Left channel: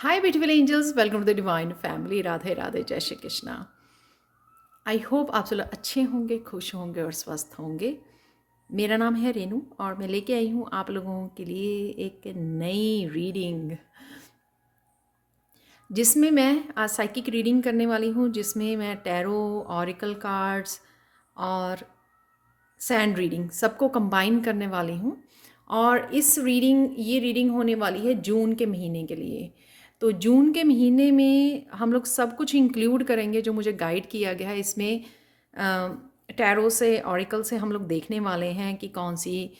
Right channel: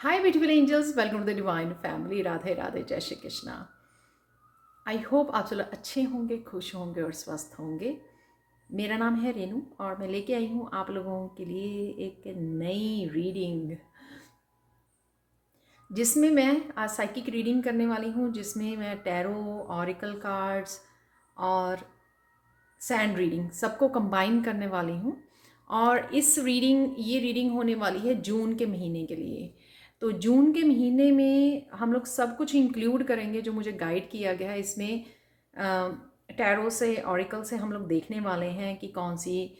Hi beautiful angels, welcome to the divine family. Radhe Radhe, जय Shri Krishna. I hope आप सब लोग अच्छे होंगे, खुश होंगे और स्वस्थ होंगे। मेरा नाम है रेनू और मैं लेके आई हूँ आप लोगों के लिए एक नई रीडिंग, जिसमें मैं आज साइकिक रीडिंग करने वाली हूँ, जिसमें मैं टैरो, ऑरिकल कार्ड्स और सैंड रीडिंग सबको कंबाइन करने वाली हूँ। और ये रीडिंग होने वाली है जून के महीने के लिए। तो जून के महीने में हम लोग सब कुछ इंक्लूड करेंगे जो मुझे गाइड किया गया है। इसमें टैरो से, ऑरिकल से हम लोग देखने वाले हैं कि कौन सी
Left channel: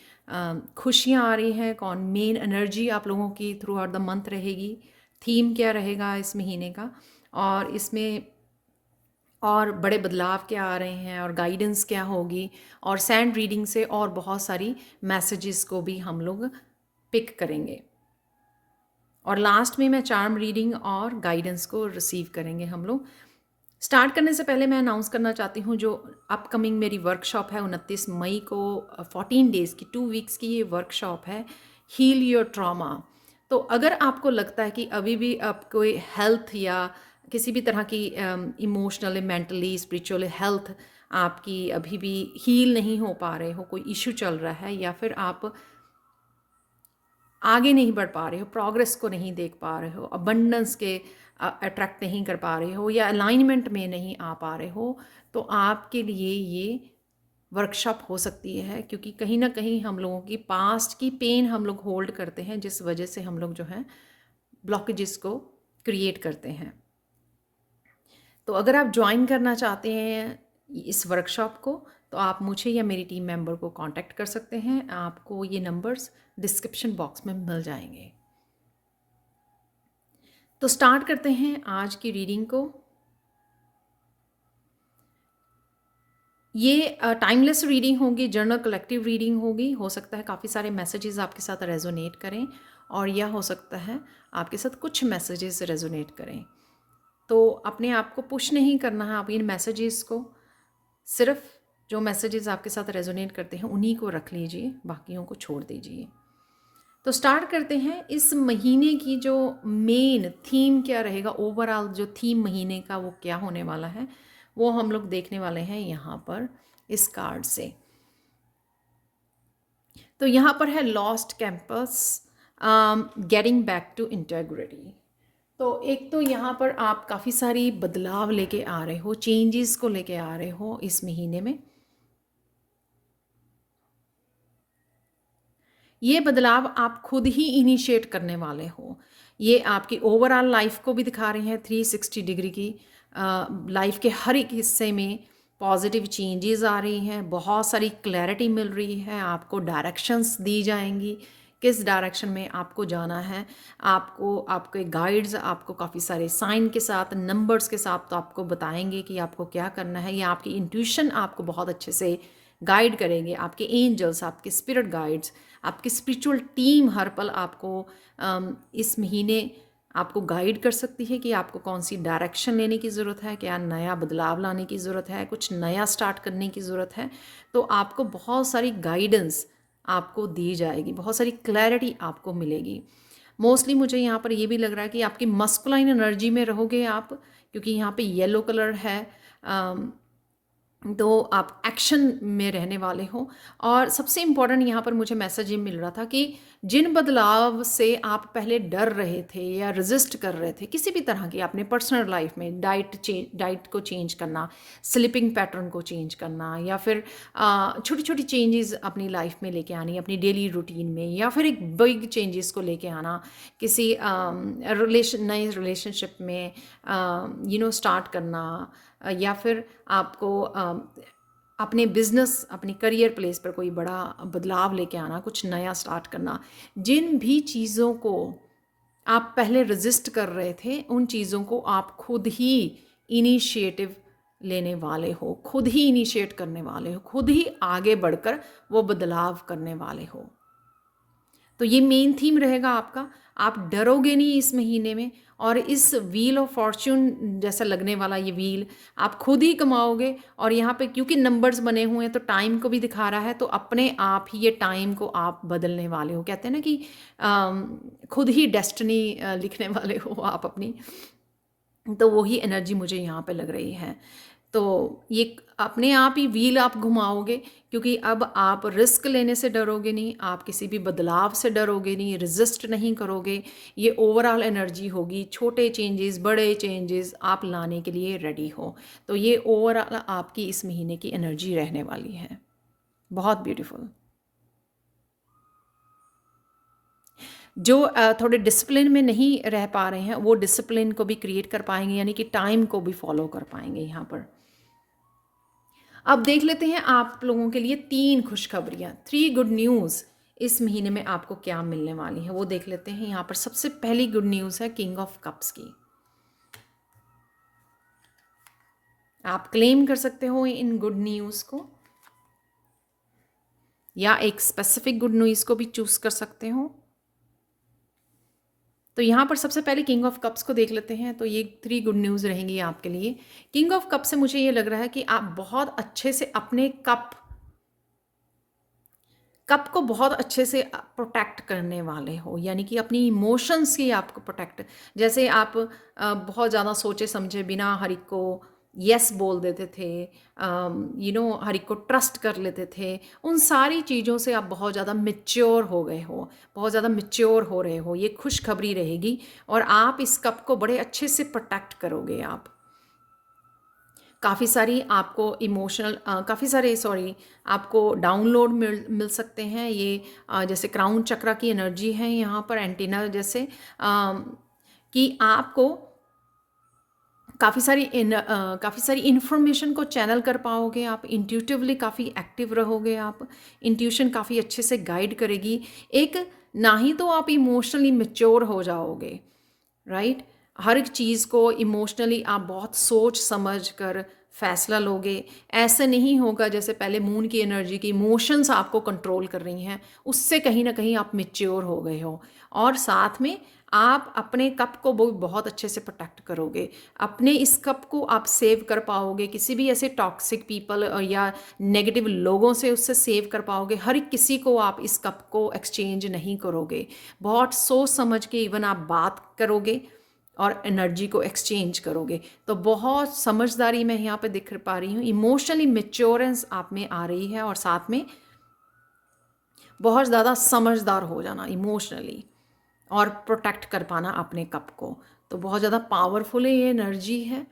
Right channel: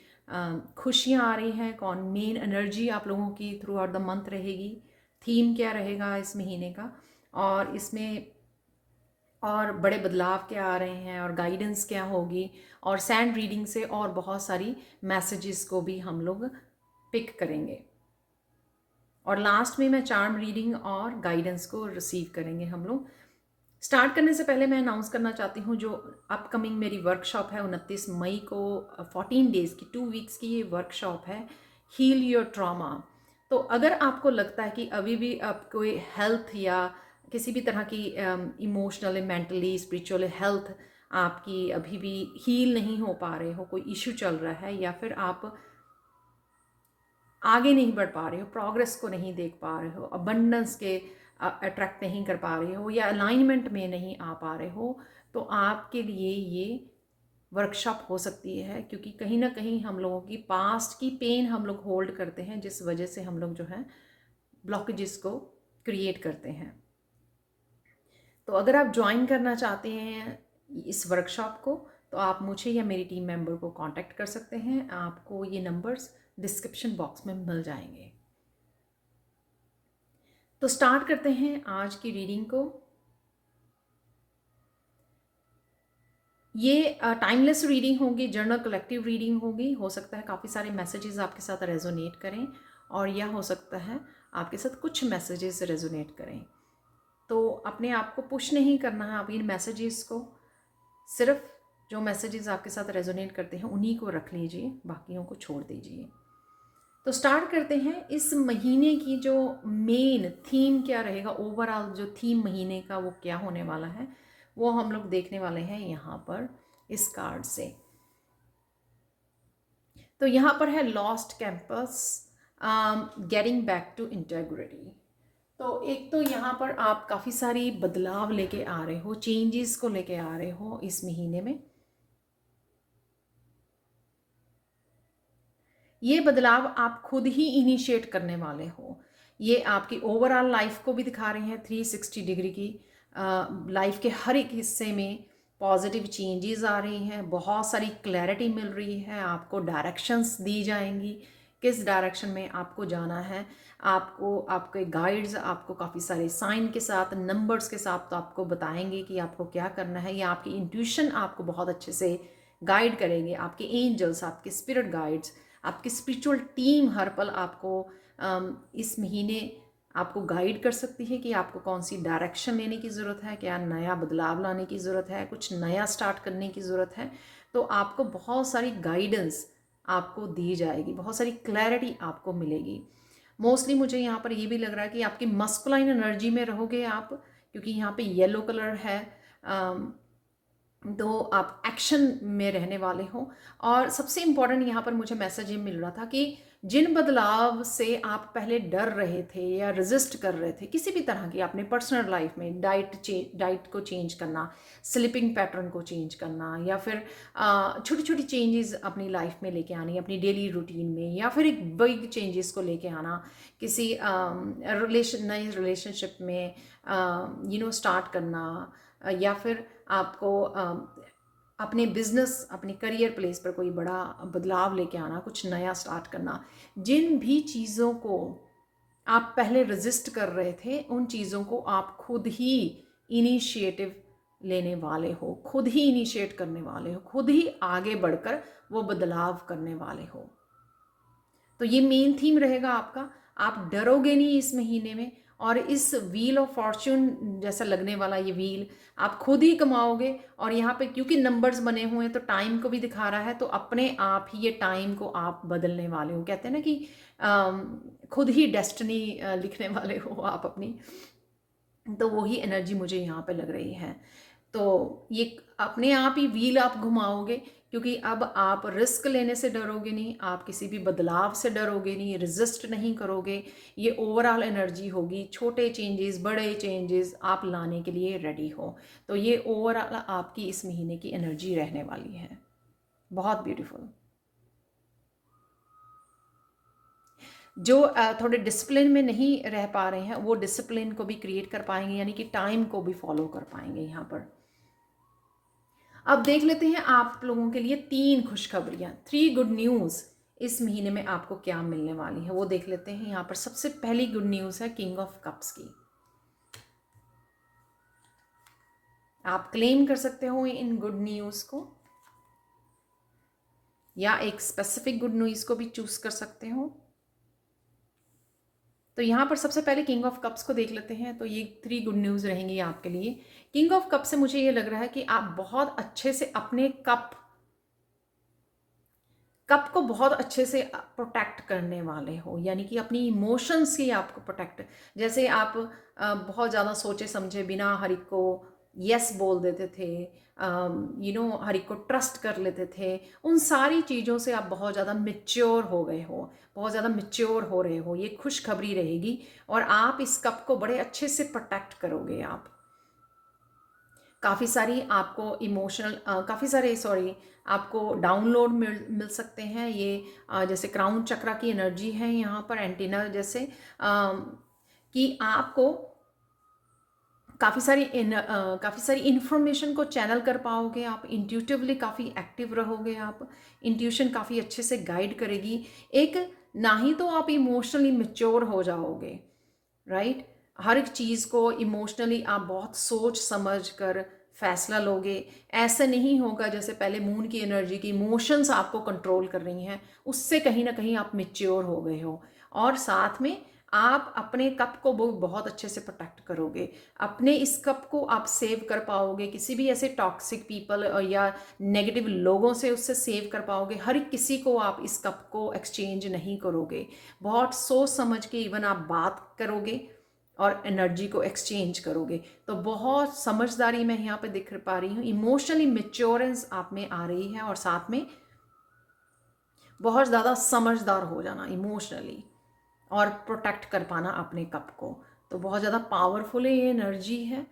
खुशियाँ आ रही हैं, कौन मेन एनर्जी आप लोगों की थ्रू आउट द मंथ रहेगी, थीम क्या रहेगा इस महीने का, और इसमें और बड़े बदलाव क्या आ रहे हैं और गाइडेंस क्या होगी। और सैंड रीडिंग से और बहुत सारी मैसेजेस को भी हम लोग पिक करेंगे। और लास्ट में मैं चार्म रीडिंग और गाइडेंस को रिसीव करेंगे हम लोग। स्टार्ट करने से पहले मैं अनाउंस करना चाहती हूँ जो अपकमिंग मेरी वर्कशॉप है 29 मई को, 14 डेज़ की, 2 वीक्स की ये वर्कशॉप है, हील योर ट्रॉमा। तो अगर आपको लगता है कि अभी भी आप कोई हेल्थ या किसी भी तरह की इमोशनली, मेंटली, स्पिरिचुअली हेल्थ आपकी अभी भी हील नहीं हो पा रहे हो, कोई इशू चल रहा है, या फिर आप आगे नहीं बढ़ पा रहे हो, प्रोग्रेस को नहीं देख पा रहे हो, अबंडेंस के अट्रैक्ट नहीं कर पा रहे हो, या अलाइनमेंट में नहीं आ पा रहे हो, तो आपके लिए ये वर्कशॉप हो सकती है। क्योंकि कहीं ना कहीं हम लोगों की पास्ट की पेन हम लोग होल्ड करते हैं, जिस वजह से हम लोग जो है ब्लॉकेजेस को क्रिएट करते हैं। तो अगर आप ज्वाइन करना चाहते हैं इस वर्कशॉप को, तो आप मुझे या मेरी टीम मेंबर को कांटेक्ट कर सकते हैं। आपको ये नंबर्स डिस्क्रिप्शन बॉक्स में मिल जाएंगे। तो स्टार्ट करते हैं आज की रीडिंग को। ये टाइमलेस रीडिंग होगी, जर्नल कलेक्टिव रीडिंग होगी। हो सकता है काफ़ी सारे मैसेजेस आपके साथ रेजोनेट करें, और यह हो सकता है आपके साथ कुछ मैसेजेस रेजोनेट करें। तो अपने आप को पुश नहीं करना है, आप इन मैसेजेस को सिर्फ जो मैसेजेस आपके साथ रेजोनेट करते हैं उन्हीं को रख लीजिए, बाकियों को छोड़ दीजिए। तो स्टार्ट करते हैं। इस महीने की जो मेन थीम क्या रहेगा, ओवरऑल जो थीम महीने का वो क्या होने वाला है, वो हम लोग देखने वाले हैं यहाँ पर इस कार्ड से। तो यहाँ पर है lost campus, getting back to integrity. तो एक तो यहाँ पर आप काफ़ी सारी बदलाव लेके आ रहे हो, चेंजेस को लेके आ रहे हो इस महीने में। ये बदलाव आप खुद ही इनिशिएट करने वाले हो। ये आपकी ओवरऑल लाइफ को भी दिखा रही हैं, 360 डिग्री की लाइफ के हर एक हिस्से में पॉजिटिव चेंजेस आ रही हैं, बहुत सारी क्लैरिटी मिल रही है, आपको डायरेक्शंस दी जाएंगी किस डायरेक्शन में आपको जाना है। आपको आपके गाइड्स आपको काफ़ी सारे साइन के साथ, नंबर्स के साथ तो आपको बताएंगे कि आपको क्या करना है, या आपकी इंट्यूशन आपको बहुत अच्छे से गाइड करेंगे। आपके एंजल्स, आपके स्पिरिट गाइड्स, आपकी स्पिरिचुअल टीम हर पल आपको इस महीने आपको गाइड कर सकती है कि आपको कौन सी डायरेक्शन लेने की ज़रूरत है, क्या नया बदलाव लाने की ज़रूरत है, कुछ नया स्टार्ट करने की ज़रूरत है। तो आपको बहुत सारी गाइडेंस आपको दी जाएगी, बहुत सारी क्लैरिटी आपको मिलेगी। मोस्टली मुझे यहाँ पर ये भी लग रहा है कि आपकी मस्कुलाइन एनर्जी में रहोगे आप, क्योंकि यहाँ पे येलो कलर है। तो आप एक्शन में रहने वाले हो। और सबसे इम्पॉर्टेंट यहाँ पर मुझे मैसेज ये मिल रहा था कि जिन बदलाव से आप पहले डर रहे थे या रेजिस्ट कर रहे थे किसी भी तरह की, अपने पर्सनल लाइफ में डाइट को चेंज करना, स्लीपिंग पैटर्न को चेंज करना, या फिर छोटी छोटी चेंजेस अपनी लाइफ में लेके आनी, अपनी डेली रूटीन में, या फिर एक बिग चेंजेस को लेके आना, किसी नए रिलेशनशिप में स्टार्ट करना, या फिर आपको अपने बिजनेस, अपने करियर प्लेस पर कोई बड़ा बदलाव लेके आना, कुछ नया स्टार्ट करना। जिन भी चीज़ों को आप पहले रेजिस्ट कर रहे थे, उन चीज़ों को आप खुद ही इनिशिएटिव लेने वाले हो, खुद ही इनिशिएट करने वाले हो, खुद ही आगे बढ़कर वो बदलाव करने वाले हो। तो ये मेन थीम रहेगा आपका। आप डरोगे नहीं इस महीने में, और इस व्हील ऑफ फॉर्च्यून जैसा लगने वाला ये व्हील आप खुद ही कमाओगे। और यहाँ पे क्योंकि नंबर्स बने हुए हैं तो टाइम को भी दिखा रहा है, तो अपने आप ही ये टाइम को आप बदलने वाले हो। कहते हैं ना कि खुद ही डेस्टिनी लिखने वाले हो आप अपनी। तो वही एनर्जी मुझे यहाँ पे लग रही है। तो ये अपने आप ही व्हील आप घुमाओगे, क्योंकि अब आप रिस्क लेने से डरोगे नहीं, आप किसी भी बदलाव से डरोगे नहीं, रेजिस्ट नहीं करोगे। ये ओवरऑल एनर्जी होगी, छोटे चेंजेस बड़े चेंजेस आप लाने के लिए रेडी हो। तो ये ओवरऑल आपकी इस महीने की एनर्जी रहने वाली है। बहुत ब्यूटीफुल। जो थोड़े डिसिप्लिन में नहीं रह पा रहे हैं वो डिसिप्लिन को भी क्रिएट कर पाएंगे, यानी कि टाइम को भी फॉलो कर पाएंगे यहाँ पर। अब देख लेते हैं आप लोगों के लिए 3 खुशखबरियाँ, 3 गुड न्यूज़ इस महीने में आपको क्या मिलने वाली है वो देख लेते हैं। यहाँ पर सबसे पहली गुड न्यूज़ है किंग ऑफ कप्स की। आप क्लेम कर सकते हो इन गुड न्यूज़ को, या एक स्पेसिफिक गुड न्यूज़ को भी चूज कर सकते हो। तो यहाँ पर सबसे पहले किंग ऑफ कप्स को देख लेते हैं। तो ये 3 गुड न्यूज़ रहेंगी आपके लिए। किंग ऑफ कप से मुझे ये लग रहा है कि आप बहुत अच्छे से अपने कप को बहुत अच्छे से प्रोटेक्ट करने वाले हो, यानी कि अपनी इमोशंस की आपको प्रोटेक्ट। जैसे आप बहुत ज़्यादा सोचे समझे बिना हर एक को यस बोल देते थे, हर एक को ट्रस्ट कर लेते थे, उन सारी चीज़ों से आप बहुत ज़्यादा मेच्योर हो गए हो, बहुत ज़्यादा मेच्योर हो रहे हो। ये खुशखबरी रहेगी और आप इस कप को बड़े अच्छे से प्रोटेक्ट करोगे। आप काफ़ी सारी आपको इमोशनल काफ़ी सारे आपको डाउनलोड मिल सकते हैं। ये जैसे क्राउन चक्रा की एनर्जी है यहाँ पर, एंटीना जैसे कि आपको काफ़ी सारी इन्फॉर्मेशन को चैनल कर पाओगे। आप इंट्यूटिवली काफ़ी एक्टिव रहोगे। आप इंट्यूशन काफ़ी अच्छे से गाइड करेगी। एक ना ही तो आप इमोशनली मेच्योर हो जाओगे, राइट। हर एक चीज़ को इमोशनली आप बहुत सोच समझ कर फैसला लोगे। ऐसे नहीं होगा जैसे पहले मून की एनर्जी की इमोशंस आपको कंट्रोल कर रही हैं, उससे कहीं ना कहीं आप मेच्योर हो गए हो। और साथ में आप अपने कप को बहुत अच्छे से प्रोटेक्ट करोगे। अपने इस कप को आप सेव कर पाओगे, किसी भी ऐसे टॉक्सिक पीपल या नेगेटिव लोगों से उससे सेव कर पाओगे। हर एक किसी को आप इस कप को एक्सचेंज नहीं करोगे। बहुत सोच समझ के इवन आप बात करोगे और एनर्जी को एक्सचेंज करोगे। तो बहुत समझदारी मैं यहाँ पे दिख पा रही हूँ, इमोशनली मेच्योरेंस आप में आ रही है, और साथ में बहुत ज़्यादा समझदार हो जाना इमोशनली और प्रोटेक्ट कर पाना अपने कप को। तो बहुत ज़्यादा पावरफुल ये एनर्जी है,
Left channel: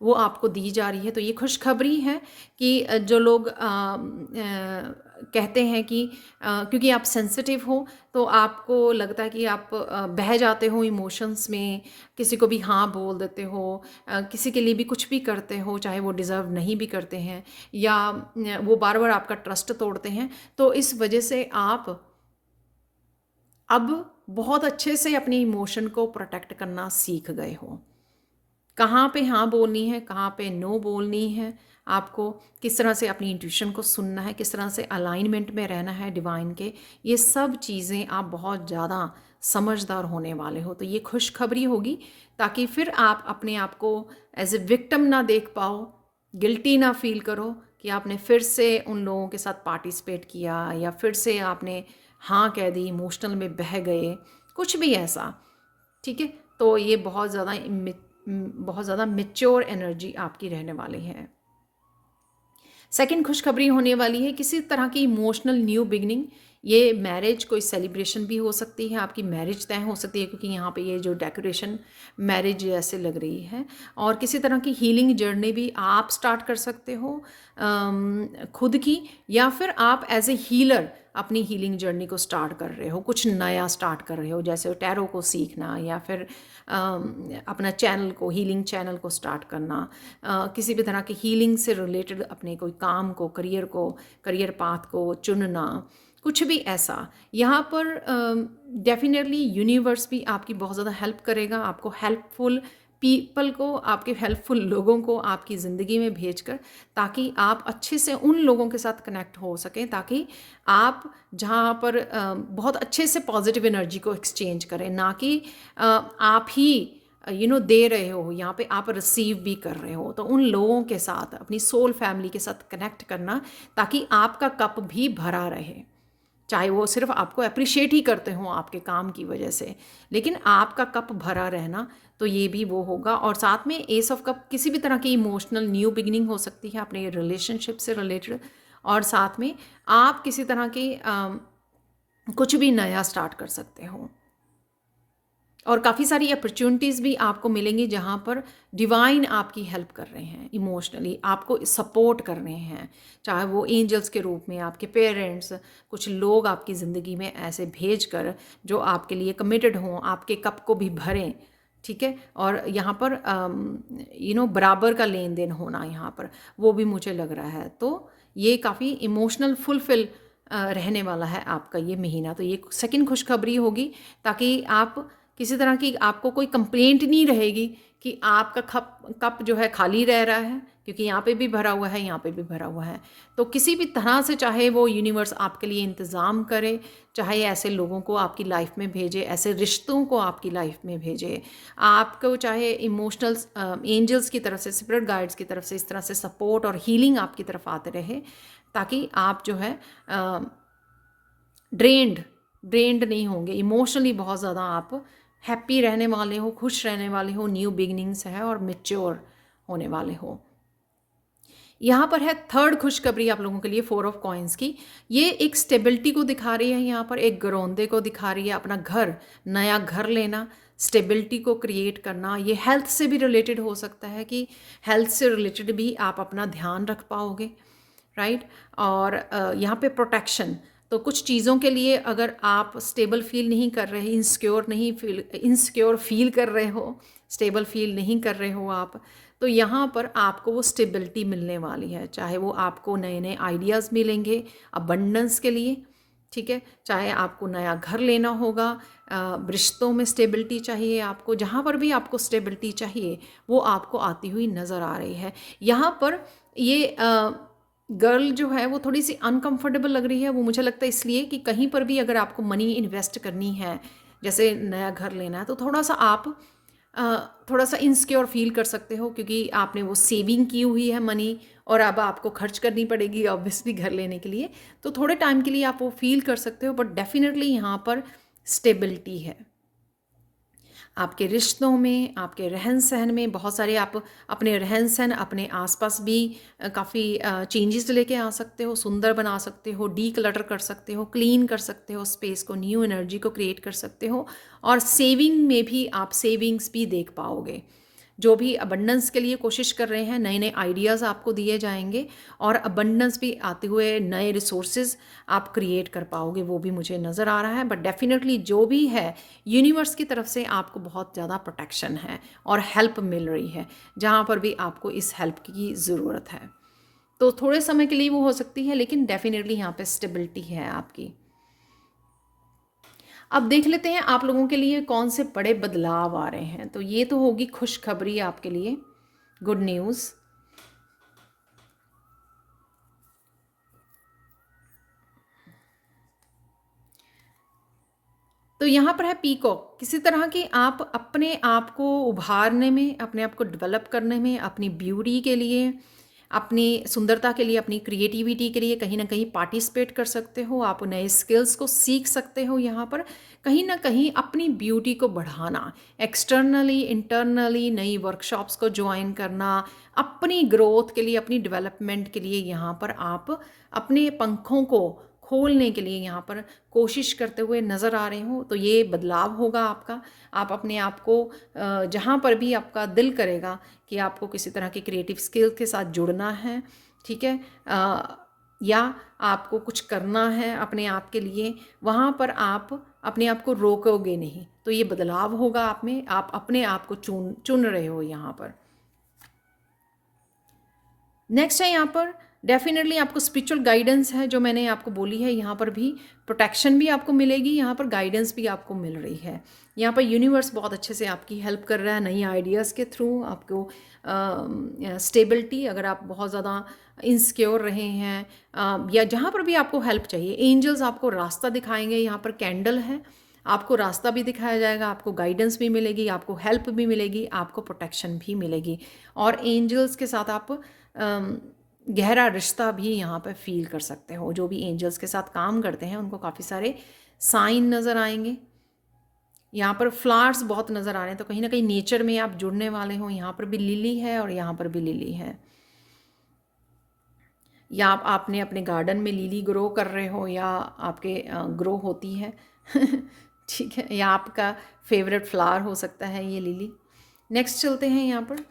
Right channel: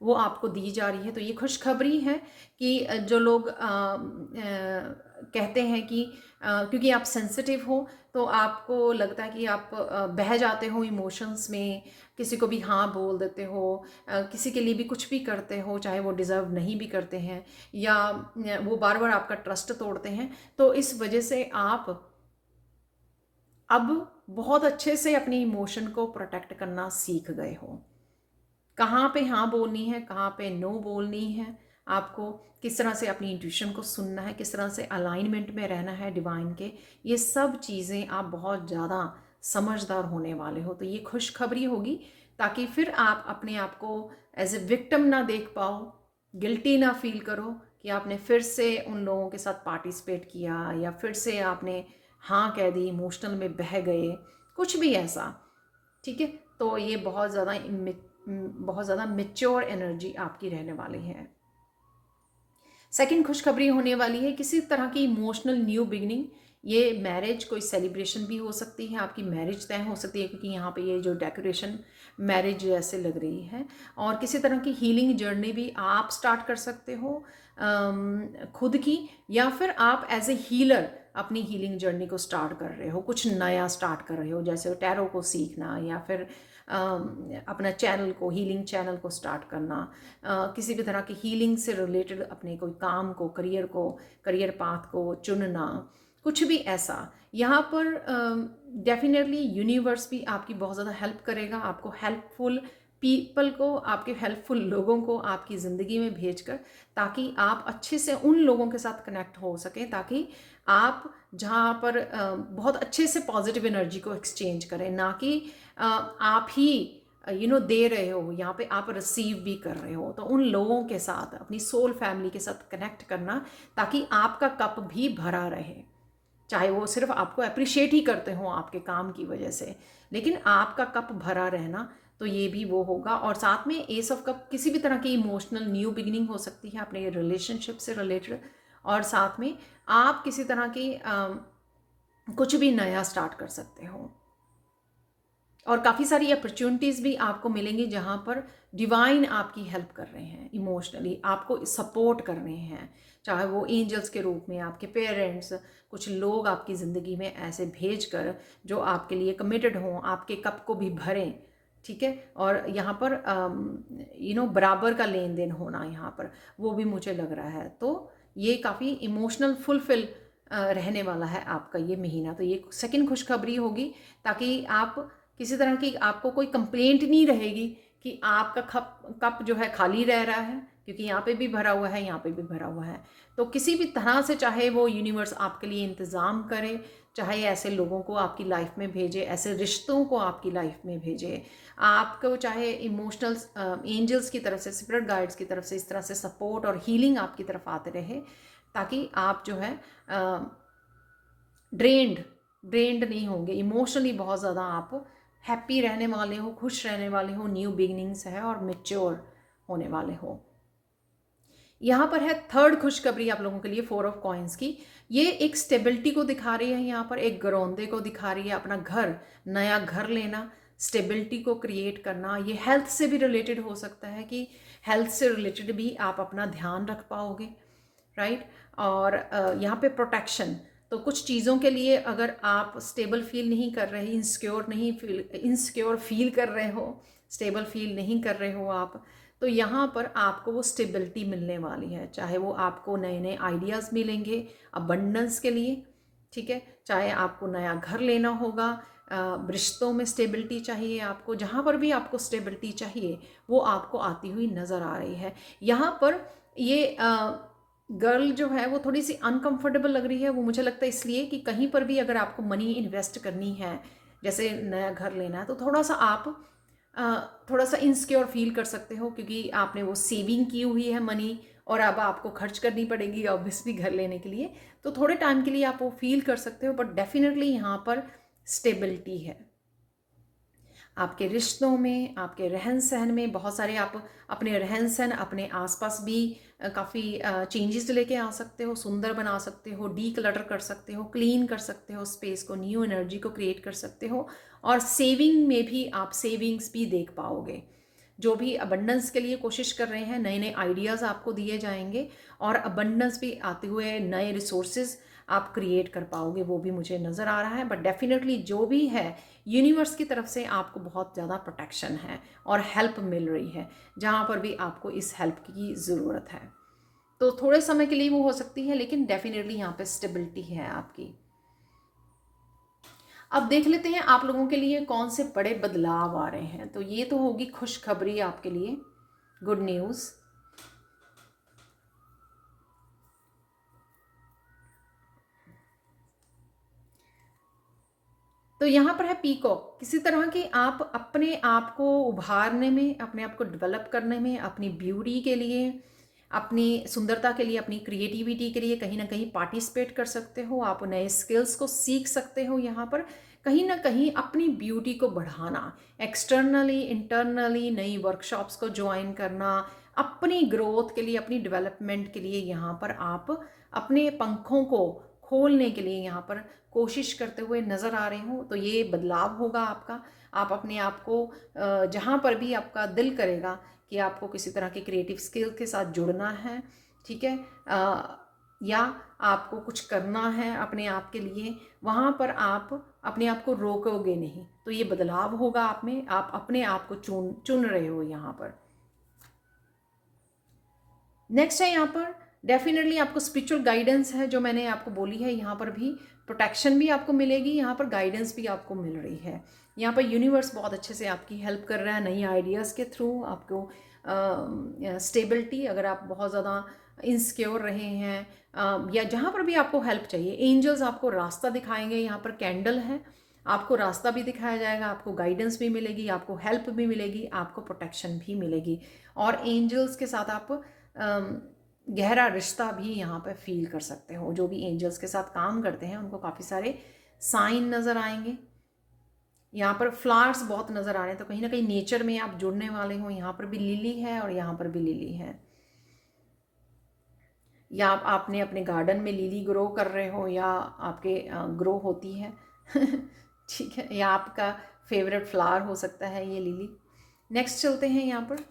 वो आपको दी जा रही है। तो ये खुशखबरी है कि जो लोग कहते हैं कि क्योंकि आप सेंसिटिव हो तो आपको लगता है कि आप बह जाते हो इमोशंस में, किसी को भी हाँ बोल देते हो, किसी के लिए भी कुछ भी करते हो चाहे वो डिज़र्व नहीं भी करते हैं, या वो बार बार आपका ट्रस्ट तोड़ते हैं। तो इस वजह से आप अब बहुत अच्छे से अपनी इमोशन को प्रोटेक्ट करना सीख गए हो। कहाँ पे हाँ बोलनी है, कहाँ पे नो बोलनी है, आपको किस तरह से अपनी इंट्यूशन को सुनना है, किस तरह से अलाइनमेंट में रहना है डिवाइन के, ये सब चीज़ें आप बहुत ज़्यादा समझदार होने वाले हो। तो ये खुशखबरी होगी, ताकि फिर आप अपने आप को एज ए विक्टिम ना देख पाओ, गिल्टी ना फील करो कि आपने फिर से उन लोगों के साथ पार्टिसिपेट किया, या फिर से आपने हाँ कह दी, इमोशनल में बह गए, कुछ भी ऐसा। ठीक है, तो ये बहुत ज़्यादा मेच्योर एनर्जी आपकी रहने वाली है। सेकंड खुशखबरी होने वाली है किसी तरह की इमोशनल न्यू बिगनिंग। ये मैरिज कोई सेलिब्रेशन भी हो सकती है, आपकी मैरिज तय हो सकती है, क्योंकि यहाँ पे ये जो डेकोरेशन मैरिज जैसे लग रही है। और किसी तरह की हीलिंग जर्नी भी आप स्टार्ट कर सकते हो खुद की, या फिर आप एज ए हीलर अपनी हीलिंग जर्नी को स्टार्ट कर रहे हो, कुछ नया स्टार्ट कर रहे हो, जैसे टैरो को सीखना, या फिर अपना चैनल को, हीलिंग चैनल को स्टार्ट करना, किसी भी तरह की हीलिंग से रिलेटेड अपने कोई काम को, करियर पाथ को चुनना, कुछ भी ऐसा। यहाँ पर डेफिनेटली यूनिवर्स भी आपकी बहुत ज़्यादा हेल्प करेगा, आपको हेल्पफुल पीपल को, आपके हेल्पफुल लोगों को आपकी ज़िंदगी में भेजकर, ताकि आप अच्छे से उन लोगों के साथ कनेक्ट हो सकें, ताकि आप जहाँ पर बहुत अच्छे से पॉजिटिव एनर्जी को एक्सचेंज करें, ना कि आप ही दे रहे हो, यहाँ पे आप रिसीव भी कर रहे हो। तो उन लोगों के साथ, अपनी सोल फैमिली के साथ कनेक्ट करना, ताकि आपका कप भी भरा रहे। चाहे वो सिर्फ आपको अप्रिशिएट ही करते हो आपके काम की वजह से, लेकिन आपका कप भरा रहना, तो ये भी वो होगा। और साथ में एस ऑफ कप किसी भी तरह की इमोशनल न्यू बिगिनिंग हो सकती है अपने रिलेशनशिप से रिलेटेड, और साथ में आप किसी तरह की कुछ भी नया स्टार्ट कर सकते हो। और काफ़ी सारी अपॉर्चुनिटीज़ भी आपको मिलेंगी जहाँ पर डिवाइन आपकी हेल्प कर रहे हैं, इमोशनली आपको सपोर्ट कर रहे हैं, चाहे वो एंजल्स के रूप में, आपके पेरेंट्स, कुछ लोग आपकी ज़िंदगी में ऐसे भेज कर जो आपके लिए कमिटेड हों, आपके कप को भी भरें। ठीक है, और यहाँ पर बराबर का लेन देन होना यहाँ पर, वो भी मुझे लग रहा है। तो ये काफ़ी इमोशनल फुलफिल रहने वाला है आपका ये महीना। तो ये सेकंड खुशखबरी होगी, ताकि आप किसी तरह की आपको कोई कंप्लेंट नहीं रहेगी कि आपका कप जो है खाली रह रहा है, क्योंकि यहाँ पे भी भरा हुआ है, यहाँ पे भी भरा हुआ है। तो किसी भी तरह से चाहे वो यूनिवर्स आपके लिए इंतज़ाम करे, चाहे ऐसे लोगों को आपकी लाइफ में भेजे, ऐसे रिश्तों को आपकी लाइफ में भेजे, आपको चाहे इमोशनल एंजल्स की तरफ से, स्पिरिट गाइड्स की तरफ से इस तरह से सपोर्ट और हीलिंग आपकी तरफ आते रहे, ताकि आप जो है ड्रेन्ड नहीं होंगे इमोशनली, बहुत ज़्यादा आप हैप्पी रहने वाले हो, खुश रहने वाले हो, न्यू बिगनिंग्स है और मेच्योर होने वाले हो। यहाँ पर है थर्ड खुशखबरी आप लोगों के लिए, 4 ऑफ कॉइन्स की। ये एक स्टेबिलिटी को दिखा रही है, यहाँ पर एक गरौंदे को दिखा रही है, अपना घर, नया घर लेना, स्टेबिलिटी को क्रिएट करना। ये हेल्थ से भी रिलेटेड हो सकता है कि हेल्थ से रिलेटेड भी आप अपना ध्यान रख पाओगे, राइट। और यहाँ पे प्रोटेक्शन, तो कुछ चीज़ों के लिए अगर आप स्टेबल फील नहीं कर रहे, इनसिक्योर फील कर रहे हो, स्टेबल फील नहीं कर रहे हो आप, तो यहाँ पर आपको वो स्टेबिलिटी मिलने वाली है। चाहे वो आपको नए नए आइडियाज़ मिलेंगे अबंडेंस के लिए, ठीक है, चाहे आपको नया घर लेना होगा, रिश्तों में स्टेबिलिटी चाहिए आपको, जहाँ पर भी आपको स्टेबिलिटी चाहिए वो आपको आती हुई नज़र आ रही है। यहाँ पर ये गर्ल जो है वो थोड़ी सी अनकंफर्टेबल लग रही है, वो मुझे लगता है इसलिए कि कहीं पर भी अगर आपको मनी इन्वेस्ट करनी है, जैसे नया घर लेना है, तो थोड़ा सा इनसिक्योर फील कर सकते हो, क्योंकि आपने वो सेविंग की हुई है मनी, और अब आपको खर्च करनी पड़ेगी ऑब्वियसली घर लेने के लिए। तो थोड़े टाइम के लिए आप वो फील कर सकते हो, बट डेफिनेटली यहाँ पर स्टेबिलिटी है आपके रिश्तों में, आपके रहन सहन में। बहुत सारे आप अपने रहन सहन, अपने आसपास भी काफ़ी चेंजेस लेके आ सकते हो, सुंदर बना सकते हो, डी क्लटर कर सकते हो, क्लीन कर सकते हो स्पेस को, न्यू एनर्जी को क्रिएट कर सकते हो। और सेविंग में भी आप सेविंग्स भी देख पाओगे। जो भी अबंडेंस के लिए कोशिश कर रहे हैं, नए नए आइडियाज़ आपको दिए जाएंगे, और अबंडेंस भी आते हुए नए रिसोर्सेज आप क्रिएट कर पाओगे, वो भी मुझे नज़र आ रहा है। बट डेफिनेटली जो भी है, यूनिवर्स की तरफ से आपको बहुत ज़्यादा प्रोटेक्शन है और हेल्प मिल रही है, जहाँ पर भी आपको इस हेल्प की ज़रूरत है। तो थोड़े समय के लिए वो हो सकती है, लेकिन डेफिनेटली यहाँ पे स्टेबिलिटी है आपकी। अब देख लेते हैं आप लोगों के लिए कौन से बड़े बदलाव आ रहे हैं। तो ये तो होगी खुशखबरी आपके लिए, गुड न्यूज़। तो यहाँ पर है पीकॉक। किसी तरह की आप अपने आप को उभारने में, अपने आप को डेवलप करने में, अपनी ब्यूटी के लिए, अपनी सुंदरता के लिए, अपनी क्रिएटिविटी के लिए कहीं ना कहीं पार्टिसिपेट कर सकते हो। आप नए स्किल्स को सीख सकते हो। यहाँ पर कहीं ना कहीं अपनी ब्यूटी को बढ़ाना, एक्सटर्नली इंटरनली नई वर्कशॉप्स को ज्वाइन करना, अपनी ग्रोथ के लिए, अपनी डेवलपमेंट के लिए यहाँ पर आप अपने पंखों को खोलने के लिए यहाँ पर कोशिश करते हुए नज़र आ रहे हो। तो ये बदलाव होगा आपका। आप अपने आप को जहाँ पर भी आपका दिल करेगा कि आपको किसी तरह के क्रिएटिव स्किल के साथ जुड़ना है, ठीक है, या आपको कुछ करना है अपने आप के लिए, वहाँ पर आप अपने आप को रोकोगे नहीं। तो ये बदलाव होगा आप में, आप अपने आप को चुन रहे हो यहाँ पर। नेक्स्ट है यहाँ पर डेफिनेटली आपको स्पिरिचुअल गाइडेंस है, जो मैंने आपको बोली है। यहाँ पर भी प्रोटेक्शन भी आपको मिलेगी, यहाँ पर गाइडेंस भी आपको मिल रही है। यहाँ पर यूनिवर्स बहुत अच्छे से आपकी हेल्प कर रहा है, नई आइडियाज़ के थ्रू आपको स्टेबिलिटी। अगर आप बहुत ज़्यादा इनसिक्योर रहे हैं या जहाँ पर भी आपको हेल्प चाहिए, एंजल्स आपको रास्ता दिखाएंगे। यहाँ पर कैंडल है, आपको रास्ता भी दिखाया जाएगा, आपको गाइडेंस भी मिलेगी, आपको हेल्प भी मिलेगी, आपको प्रोटेक्शन भी मिलेगी। और एंजल्स के साथ आप गहरा रिश्ता भी यहाँ पर फील कर सकते हो। जो भी एंजल्स के साथ काम करते हैं उनको काफ़ी सारे साइन नज़र आएंगे। यहाँ पर फ्लावर्स बहुत नज़र आ रहे हैं, तो कहीं ना कहीं नेचर में आप जुड़ने वाले हो। यहाँ पर भी लिली है और यहाँ पर भी लिली है, या आपने अपने गार्डन में लिली ग्रो कर रहे हो या आपके ग्रो होती है ठीक है, या आपका फेवरेट फ्लावर हो सकता है ये लिली। नेक्स्ट चलते हैं। यहाँ पर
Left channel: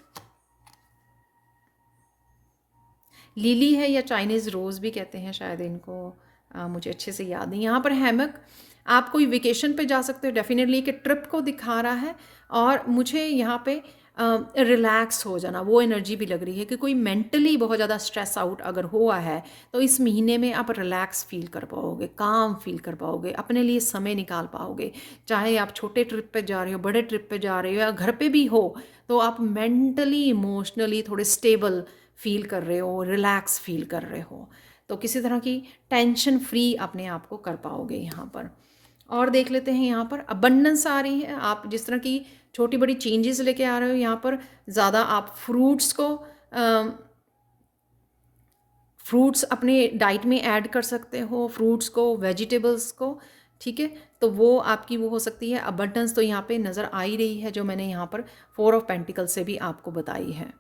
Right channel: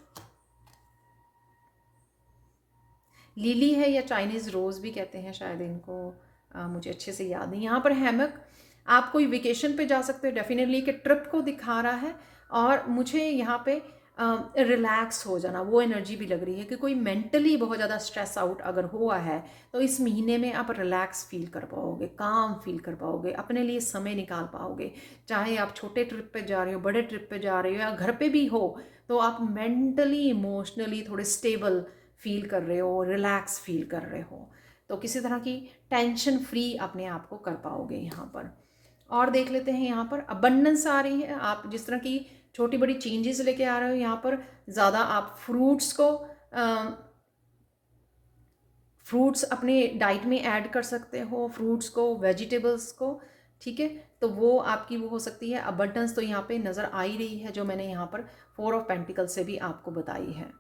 लिली है या चाइनीज़ रोज़ भी कहते हैं शायद इनको, मुझे अच्छे से याद नहीं। यहाँ पर हैमक, आप कोई वेकेशन पे जा सकते हो, डेफिनेटली कि ट्रिप को दिखा रहा है। और मुझे यहाँ पे रिलैक्स हो जाना वो एनर्जी भी लग रही है कि कोई मेंटली बहुत ज़्यादा स्ट्रेस आउट अगर हुआ है तो इस महीने में आप रिलैक्स फील कर पाओगे, काम फील कर पाओगे, अपने लिए समय निकाल पाओगे। चाहे आप छोटे ट्रिप पे जा रहे हो, बड़े ट्रिप पे जा रहे हो, या घर पे भी हो, तो आप मेंटली इमोशनली थोड़े स्टेबल फील कर रहे हो, रिलैक्स फील कर रहे हो, तो किसी तरह की टेंशन फ्री अपने आप को कर पाओगे यहाँ पर। और देख लेते हैं, यहाँ पर अबंडेंस आ रही है। आप जिस तरह की छोटी बड़ी चेंजेस लेके आ रहे हो, यहाँ पर ज़्यादा आप फ्रूट्स अपने डाइट में ऐड कर सकते हो, फ्रूट्स को, वेजिटेबल्स को, ठीक है। तो वो आपकी वो हो सकती है अबंडेंस। तो यहाँ पे नज़र आ ही रही है जो मैंने यहाँ पर 4 ऑफ पेंटिकल से भी आपको बताई है।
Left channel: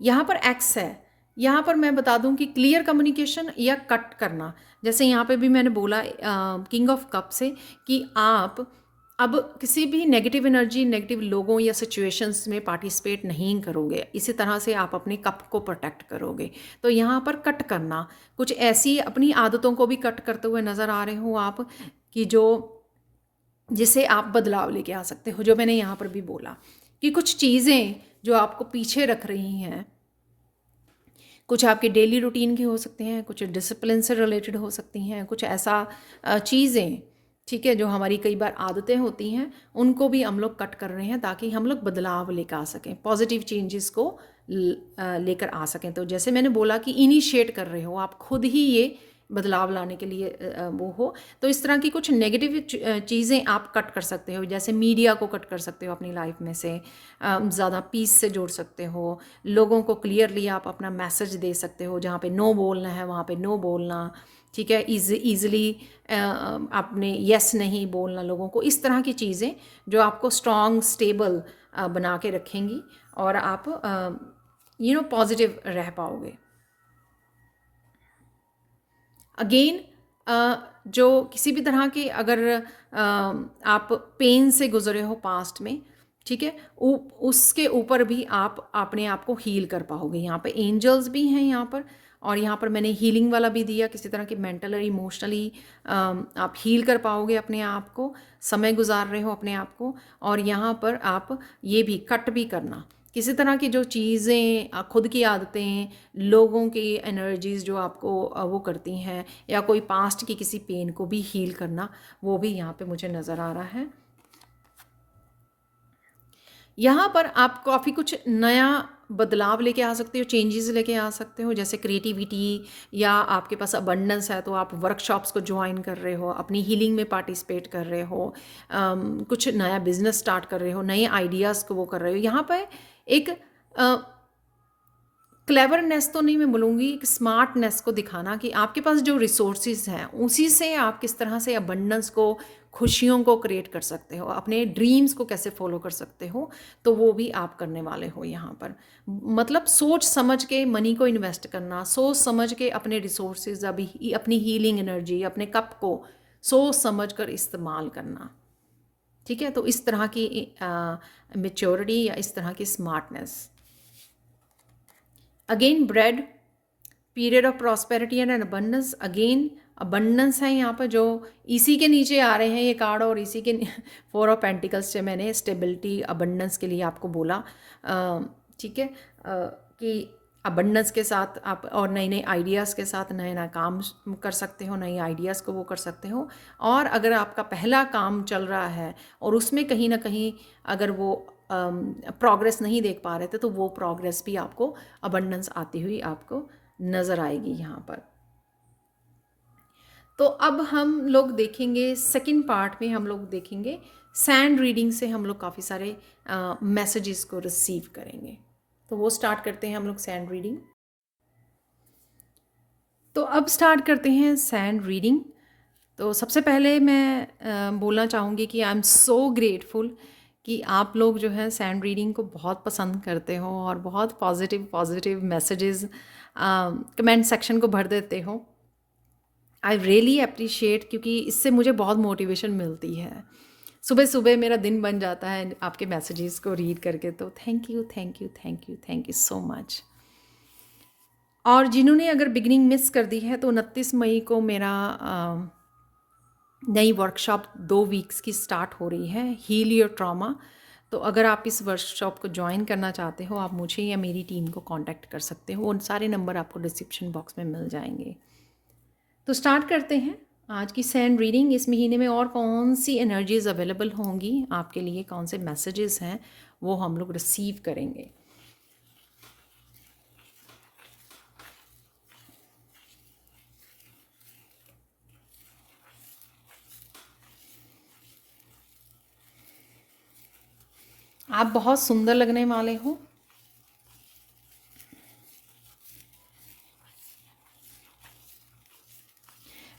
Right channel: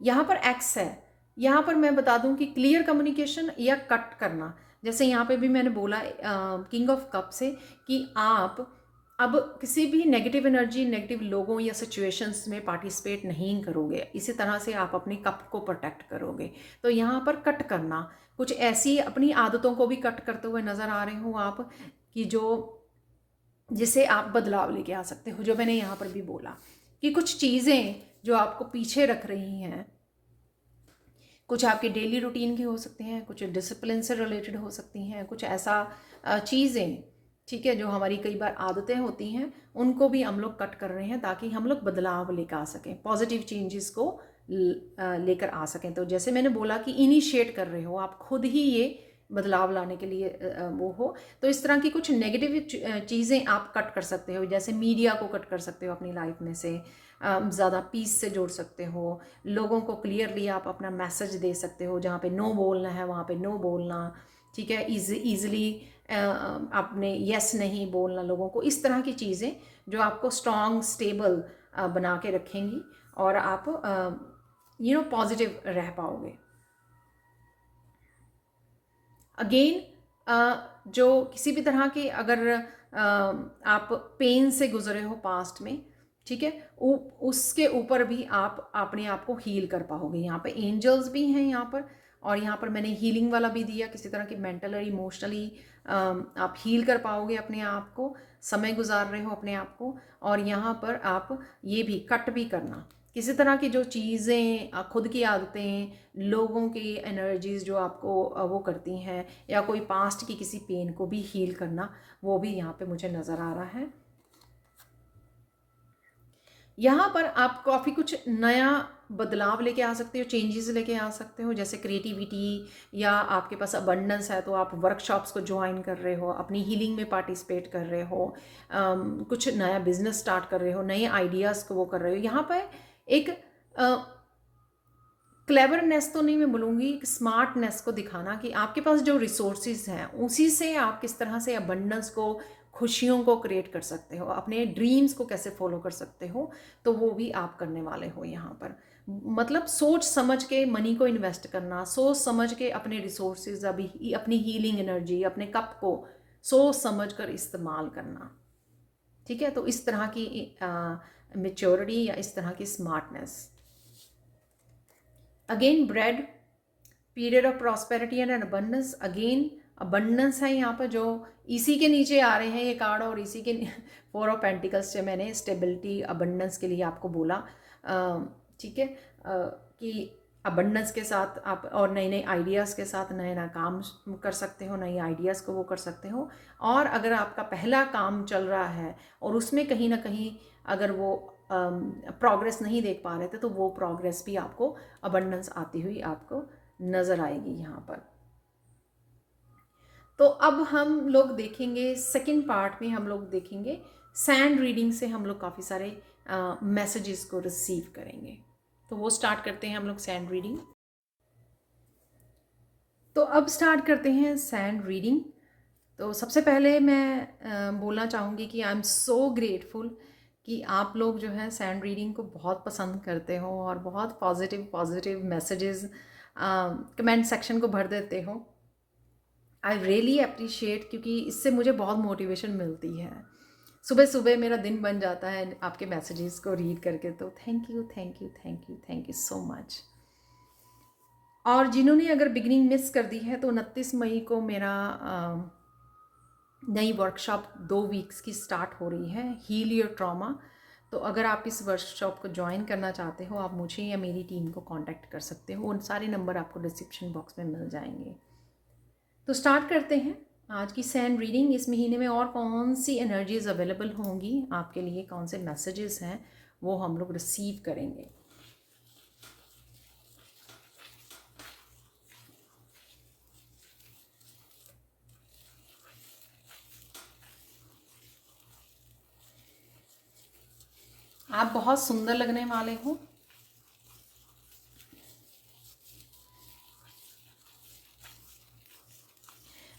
यहाँ पर एक्स है। यहाँ पर मैं बता दूँ कि क्लियर कम्युनिकेशन या कट करना। जैसे यहाँ पे भी मैंने बोला किंग ऑफ कप से कि आप अब किसी भी नेगेटिव एनर्जी, नेगेटिव लोगों या सिचुएशंस में पार्टिसिपेट नहीं करोगे। इसी तरह से आप अपने कप को प्रोटेक्ट करोगे। तो यहाँ पर कट करना, कुछ ऐसी अपनी आदतों को भी कट करते हुए नज़र आ रहे हो आप, कि जो जिसे आप बदलाव लेके आ सकते हो। जो मैंने यहाँ पर भी बोला कि कुछ चीज़ें जो आपको पीछे रख रही हैं, कुछ आपके डेली रूटीन की हो सकती हैं, कुछ डिसिप्लिन से रिलेटेड हो सकती हैं, कुछ ऐसा चीज़ें, ठीक है, जो हमारी कई बार आदतें होती हैं, उनको भी हम लोग कट कर रहे हैं ताकि हम लोग बदलाव लेकर आ सकें, पॉजिटिव चेंजेस को लेकर आ सकें। तो जैसे मैंने बोला कि इनिशिएट कर रहे हो, आप खुद ही ये बदलाव लाने के लिए वो हो। तो इस तरह की कुछ नेगेटिव चीज़ें आप कट कर सकते हो। जैसे मीडिया को कट कर सकते हो अपनी लाइफ में से, ज़्यादा पीस से जोड़ सकते हो। लोगों को क्लियरली आप अपना मैसेज दे सकते हो, जहाँ पे नो बोलना है वहाँ पे नो बोलना, ठीक है। ईज़िली आपने यस नहीं बोलना लोगों को। इस तरह की चीज़ें जो आपको स्ट्रॉन्ग, स्टेबल बना के रखेंगी और आप पॉजिटिव रह पाओगे। अगेन जो किसी भी तरह के अगर आप पेन से गुजरे हो पास्ट में, ठीक है, उसके ऊपर भी आप अपने आप को हील कर पाओगे। यहाँ पे एंजल्स भी हैं यहाँ पर, और यहाँ पर मैंने हीलिंग वाला भी दिया। किसी तरह की मेंटल और इमोशनली आप हील कर पाओगे अपने आप को, समय गुजार रहे हो अपने आप को। और यहाँ पर आप ये भी कट भी करना, किसी तरह की जो चीज़ें, खुद की आदतें, लोगों की एनर्जीज़ जो आपको वो करती हैं, या कोई पास्ट की किसी पेन को भी हील करना, वो भी यहाँ पे मुझे नज़र आ रहा है। यहाँ पर आप काफ़ी कुछ नया बदलाव लेके आ सकते हो, चेंजेस लेके आ सकते हो। जैसे क्रिएटिविटी, या आपके पास अबंडेंस है तो आप वर्कशॉप्स को ज्वाइन कर रहे हो, अपनी हीलिंग में पार्टिसिपेट कर रहे हो, कुछ नया बिजनेस स्टार्ट कर रहे हो, नए आइडियाज़ को वो कर रहे हो। यहाँ पर एक क्लेवरनेस तो नहीं मैं बोलूँगी, एक स्मार्टनेस को दिखाना कि आपके पास जो रिसोर्सेज हैं उसी से आप किस तरह से अबंडेंस को, खुशियों को क्रिएट कर सकते हो, अपने ड्रीम्स को कैसे फॉलो कर सकते हो, तो वो भी आप करने वाले हो यहाँ पर। मतलब सोच समझ के मनी को इन्वेस्ट करना, सोच समझ के अपने रिसोर्सेज, अभी अपनी हीलिंग एनर्जी, अपने कप को सोच समझ कर इस्तेमाल करना, ठीक है। तो इस तरह की मेच्योरिटी या इस तरह की smartness. Again bread, period of prosperity and abundance. Again abundance है यहाँ पर, जो इसी के नीचे आ रहे हैं ये कार्ड, और इसी के 4 ऑफ पेंटिकल्स से मैंने स्टेबिलिटी, अबंडेंस के लिए आपको बोला, ठीक है, कि अबंडेंस के साथ आप और नए नए आइडियाज़ के साथ नए नए काम कर सकते हो, नए आइडियाज़ को वो कर सकते हो। और अगर आपका पहला काम चल रहा है और उसमें कहीं ना कहीं अगर वो प्रोग्रेस नहीं देख पा रहे थे, तो वो प्रोग्रेस भी आपको अबंडेंस आती हुई आपको नज़र आएगी यहाँ पर। तो अब हम लोग देखेंगे सेकंड पार्ट में, हम लोग देखेंगे सैंड रीडिंग से हम लोग काफ़ी सारे मैसेजेस को रिसीव करेंगे। तो वो स्टार्ट करते हैं हम लोग सैंड रीडिंग। तो अब स्टार्ट करते हैं सैंड रीडिंग। तो सबसे पहले मैं बोलना चाहूँगी कि आई एम सो ग्रेटफुल कि आप लोग जो है सैंड रीडिंग को बहुत पसंद करते हो और बहुत positive positive messages comment section को भर देते हो। आई रियली अप्रिशिएट, क्योंकि इससे मुझे बहुत मोटिवेशन मिलती है। सुबह सुबह मेरा दिन बन जाता है आपके मैसेजेस को रीड करके। तो thank you thank you thank you thank you so much. और जिन्होंने अगर बिगनिंग मिस कर दी है, तो 29 मई को मेरा नई वर्कशॉप 2 वीक्स की स्टार्ट हो रही है, हील योर ट्रॉमा। तो अगर आप इस वर्कशॉप को ज्वाइन करना चाहते हो, आप मुझे या मेरी टीम को कांटेक्ट कर सकते हो। उन सारे नंबर आपको डिस्क्रिप्शन बॉक्स में मिल जाएंगे। तो स्टार्ट करते हैं आज की सैंड रीडिंग। इस महीने में और कौन सी एनर्जीज अवेलेबल होंगी आपके लिए, कौन से मैसेजेस हैं वो हम लोग रिसीव करेंगे। आप बहुत सुंदर लगने वाले हो।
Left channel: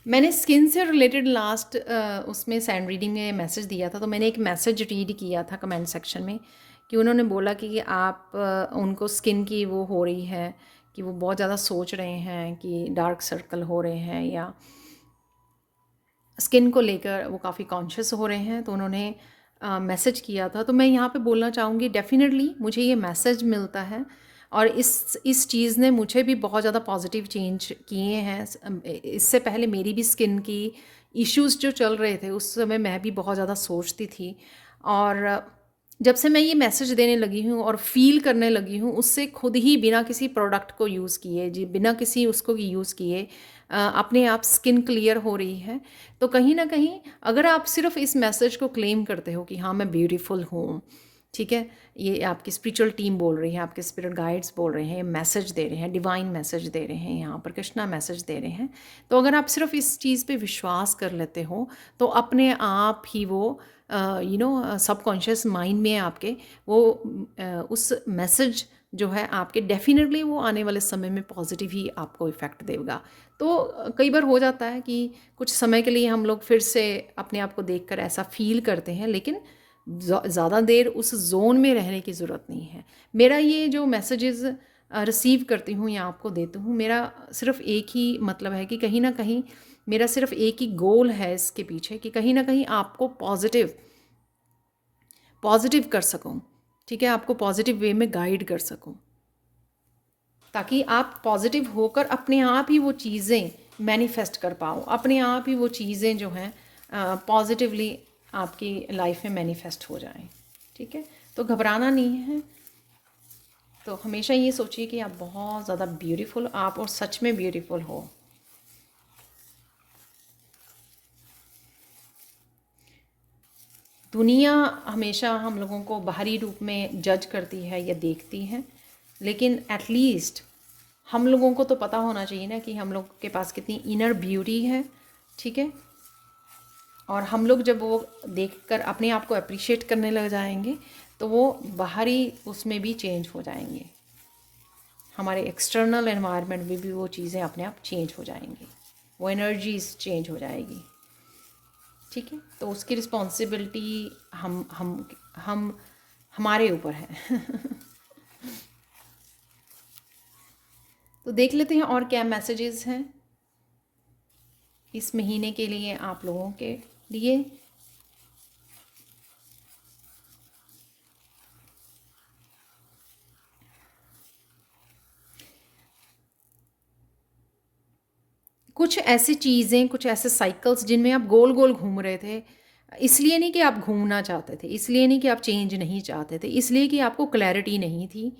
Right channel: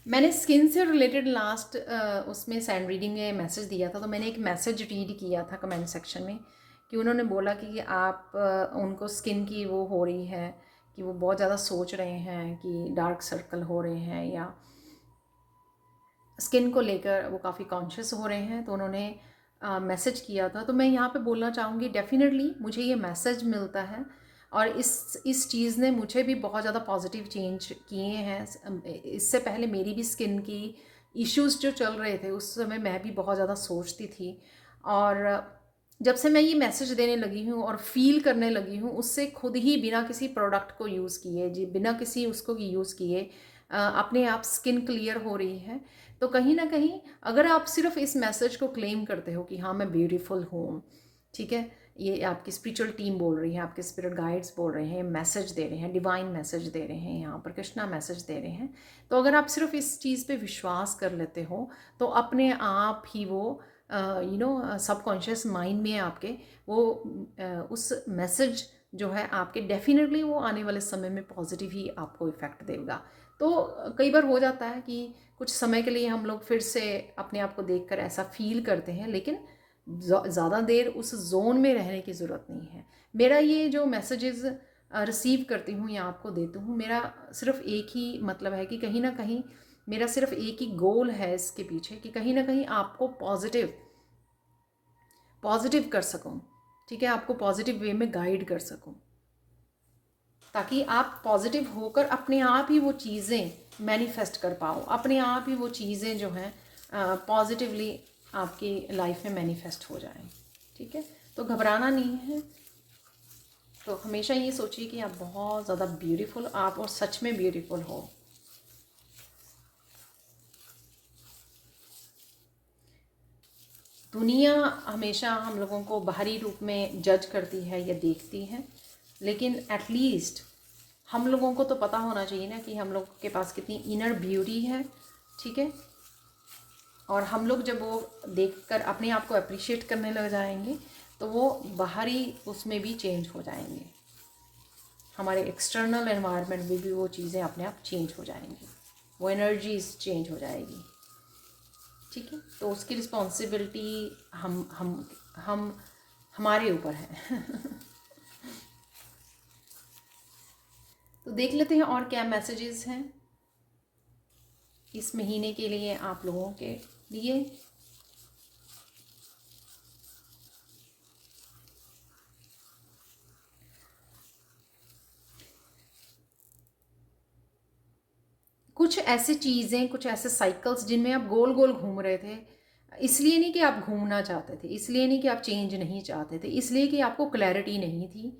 मैंने स्किन से रिलेटेड लास्ट उसमें सैंड रीडिंग में मैसेज दिया था, तो मैंने एक मैसेज रीड किया था कमेंट सेक्शन में कि उन्होंने बोला कि आप उनको स्किन की वो हो रही है कि वो बहुत ज़्यादा सोच रहे हैं कि डार्क सर्कल हो रहे हैं या स्किन को लेकर वो काफ़ी कॉन्शियस हो रहे हैं। तो उन्होंने मैसेज किया था। तो मैं यहाँ पे बोलना चाहूँगी, डेफिनेटली मुझे ये मैसेज मिलता है और इस चीज़ ने मुझे भी बहुत ज़्यादा पॉजिटिव चेंज किए हैं। इससे पहले मेरी भी स्किन की इश्यूज़ जो चल रहे थे, उस समय मैं भी बहुत ज़्यादा सोचती थी। और जब से मैं ये मैसेज देने लगी हूँ और फील करने लगी हूँ, उससे खुद ही बिना किसी प्रोडक्ट को यूज़ किए, जी बिना किसी उसको यूज़ किए, अपने आप स्किन क्लियर हो रही है। तो कहीं ना कहीं अगर आप सिर्फ इस मैसेज को क्लेम करते हो कि हाँ मैं ब्यूटीफुल हूँ, ठीक है, ये आपकी स्पिरिचुअल टीम बोल रही है, आपके स्पिरिट गाइड्स बोल रहे हैं, मैसेज दे रहे हैं, डिवाइन मैसेज दे रहे हैं, यहाँ पर कृष्णा मैसेज दे रहे हैं। तो अगर आप सिर्फ इस चीज़ पे विश्वास कर लेते हो, तो अपने आप ही वो सबकॉन्शियस माइंड में आपके वो उस मैसेज जो है आपके डेफिनेटली वो आने वाले समय में पॉजिटिव ही आपको इफ़ेक्ट देगा। तो कई बार हो जाता है कि कुछ समय के लिए हम लोग फिर से अपने आप को देखकर ऐसा फील करते हैं, लेकिन ज़्यादा देर उस जोन में रहने की ज़रूरत नहीं है। मेरा ये जो मैसेजेस रिसीव करती हूँ या आपको देती हूँ, मेरा सिर्फ एक ही मतलब है कि कहीं ना कहीं मेरा सिर्फ एक ही गोल है इसके पीछे कि कहीं ना कहीं आपको पॉजिटिव कर सकूं, ठीक है, आपको पॉजिटिव वे में गाइड कर सकूं, ताकि आप पॉजिटिव होकर अपने आप ही वो चीज़ें मैनिफेस्ट कर पाओ, अपने आप ही वो चीज़ें जो हैं पॉजिटिवली आपकी लाइफ में मैनिफेस्ट हो जाएं। ठीक है, तो घबराना नहीं है। तो हमेशा ये सोचिए कि आप बहुत ज़्यादा ब्यूटीफुल, आप और सच में ब्यूटीफुल हो। दुनिया हमेशा हम लोगों को बाहरी रूप में जज करती है या देखती है, लेकिन एटलीस्ट हम लोगों को तो पता होना चाहिए ना कि हम लोग के पास कितनी इनर ब्यूटी है। ठीक है, और हम लोग जब वो देखकर अपने आप को अप्रिशिएट करने लग जाएंगे, तो वो बाहरी उसमें भी चेंज हो जाएंगे, हमारे एक्सटर्नल एनवायरनमेंट में भी वो चीज़ें अपने आप चेंज हो जाएंगी, वो एनर्जीज चेंज हो जाएगी। ठीक है, तो उसकी रिस्पॉन्सिबिलिटी हम हमारे ऊपर है। तो देख लेते हैं और क्या मैसेजेस हैं इस महीने के लिए आप लोगों के लिए। कुछ ऐसी चीज़ें, कुछ ऐसे साइकिल्स जिनमें आप गोल गोल घूम रहे थे, इसलिए नहीं कि आप घूमना चाहते थे, इसलिए नहीं कि आप चेंज नहीं चाहते थे, इसलिए कि आपको क्लैरिटी नहीं थी।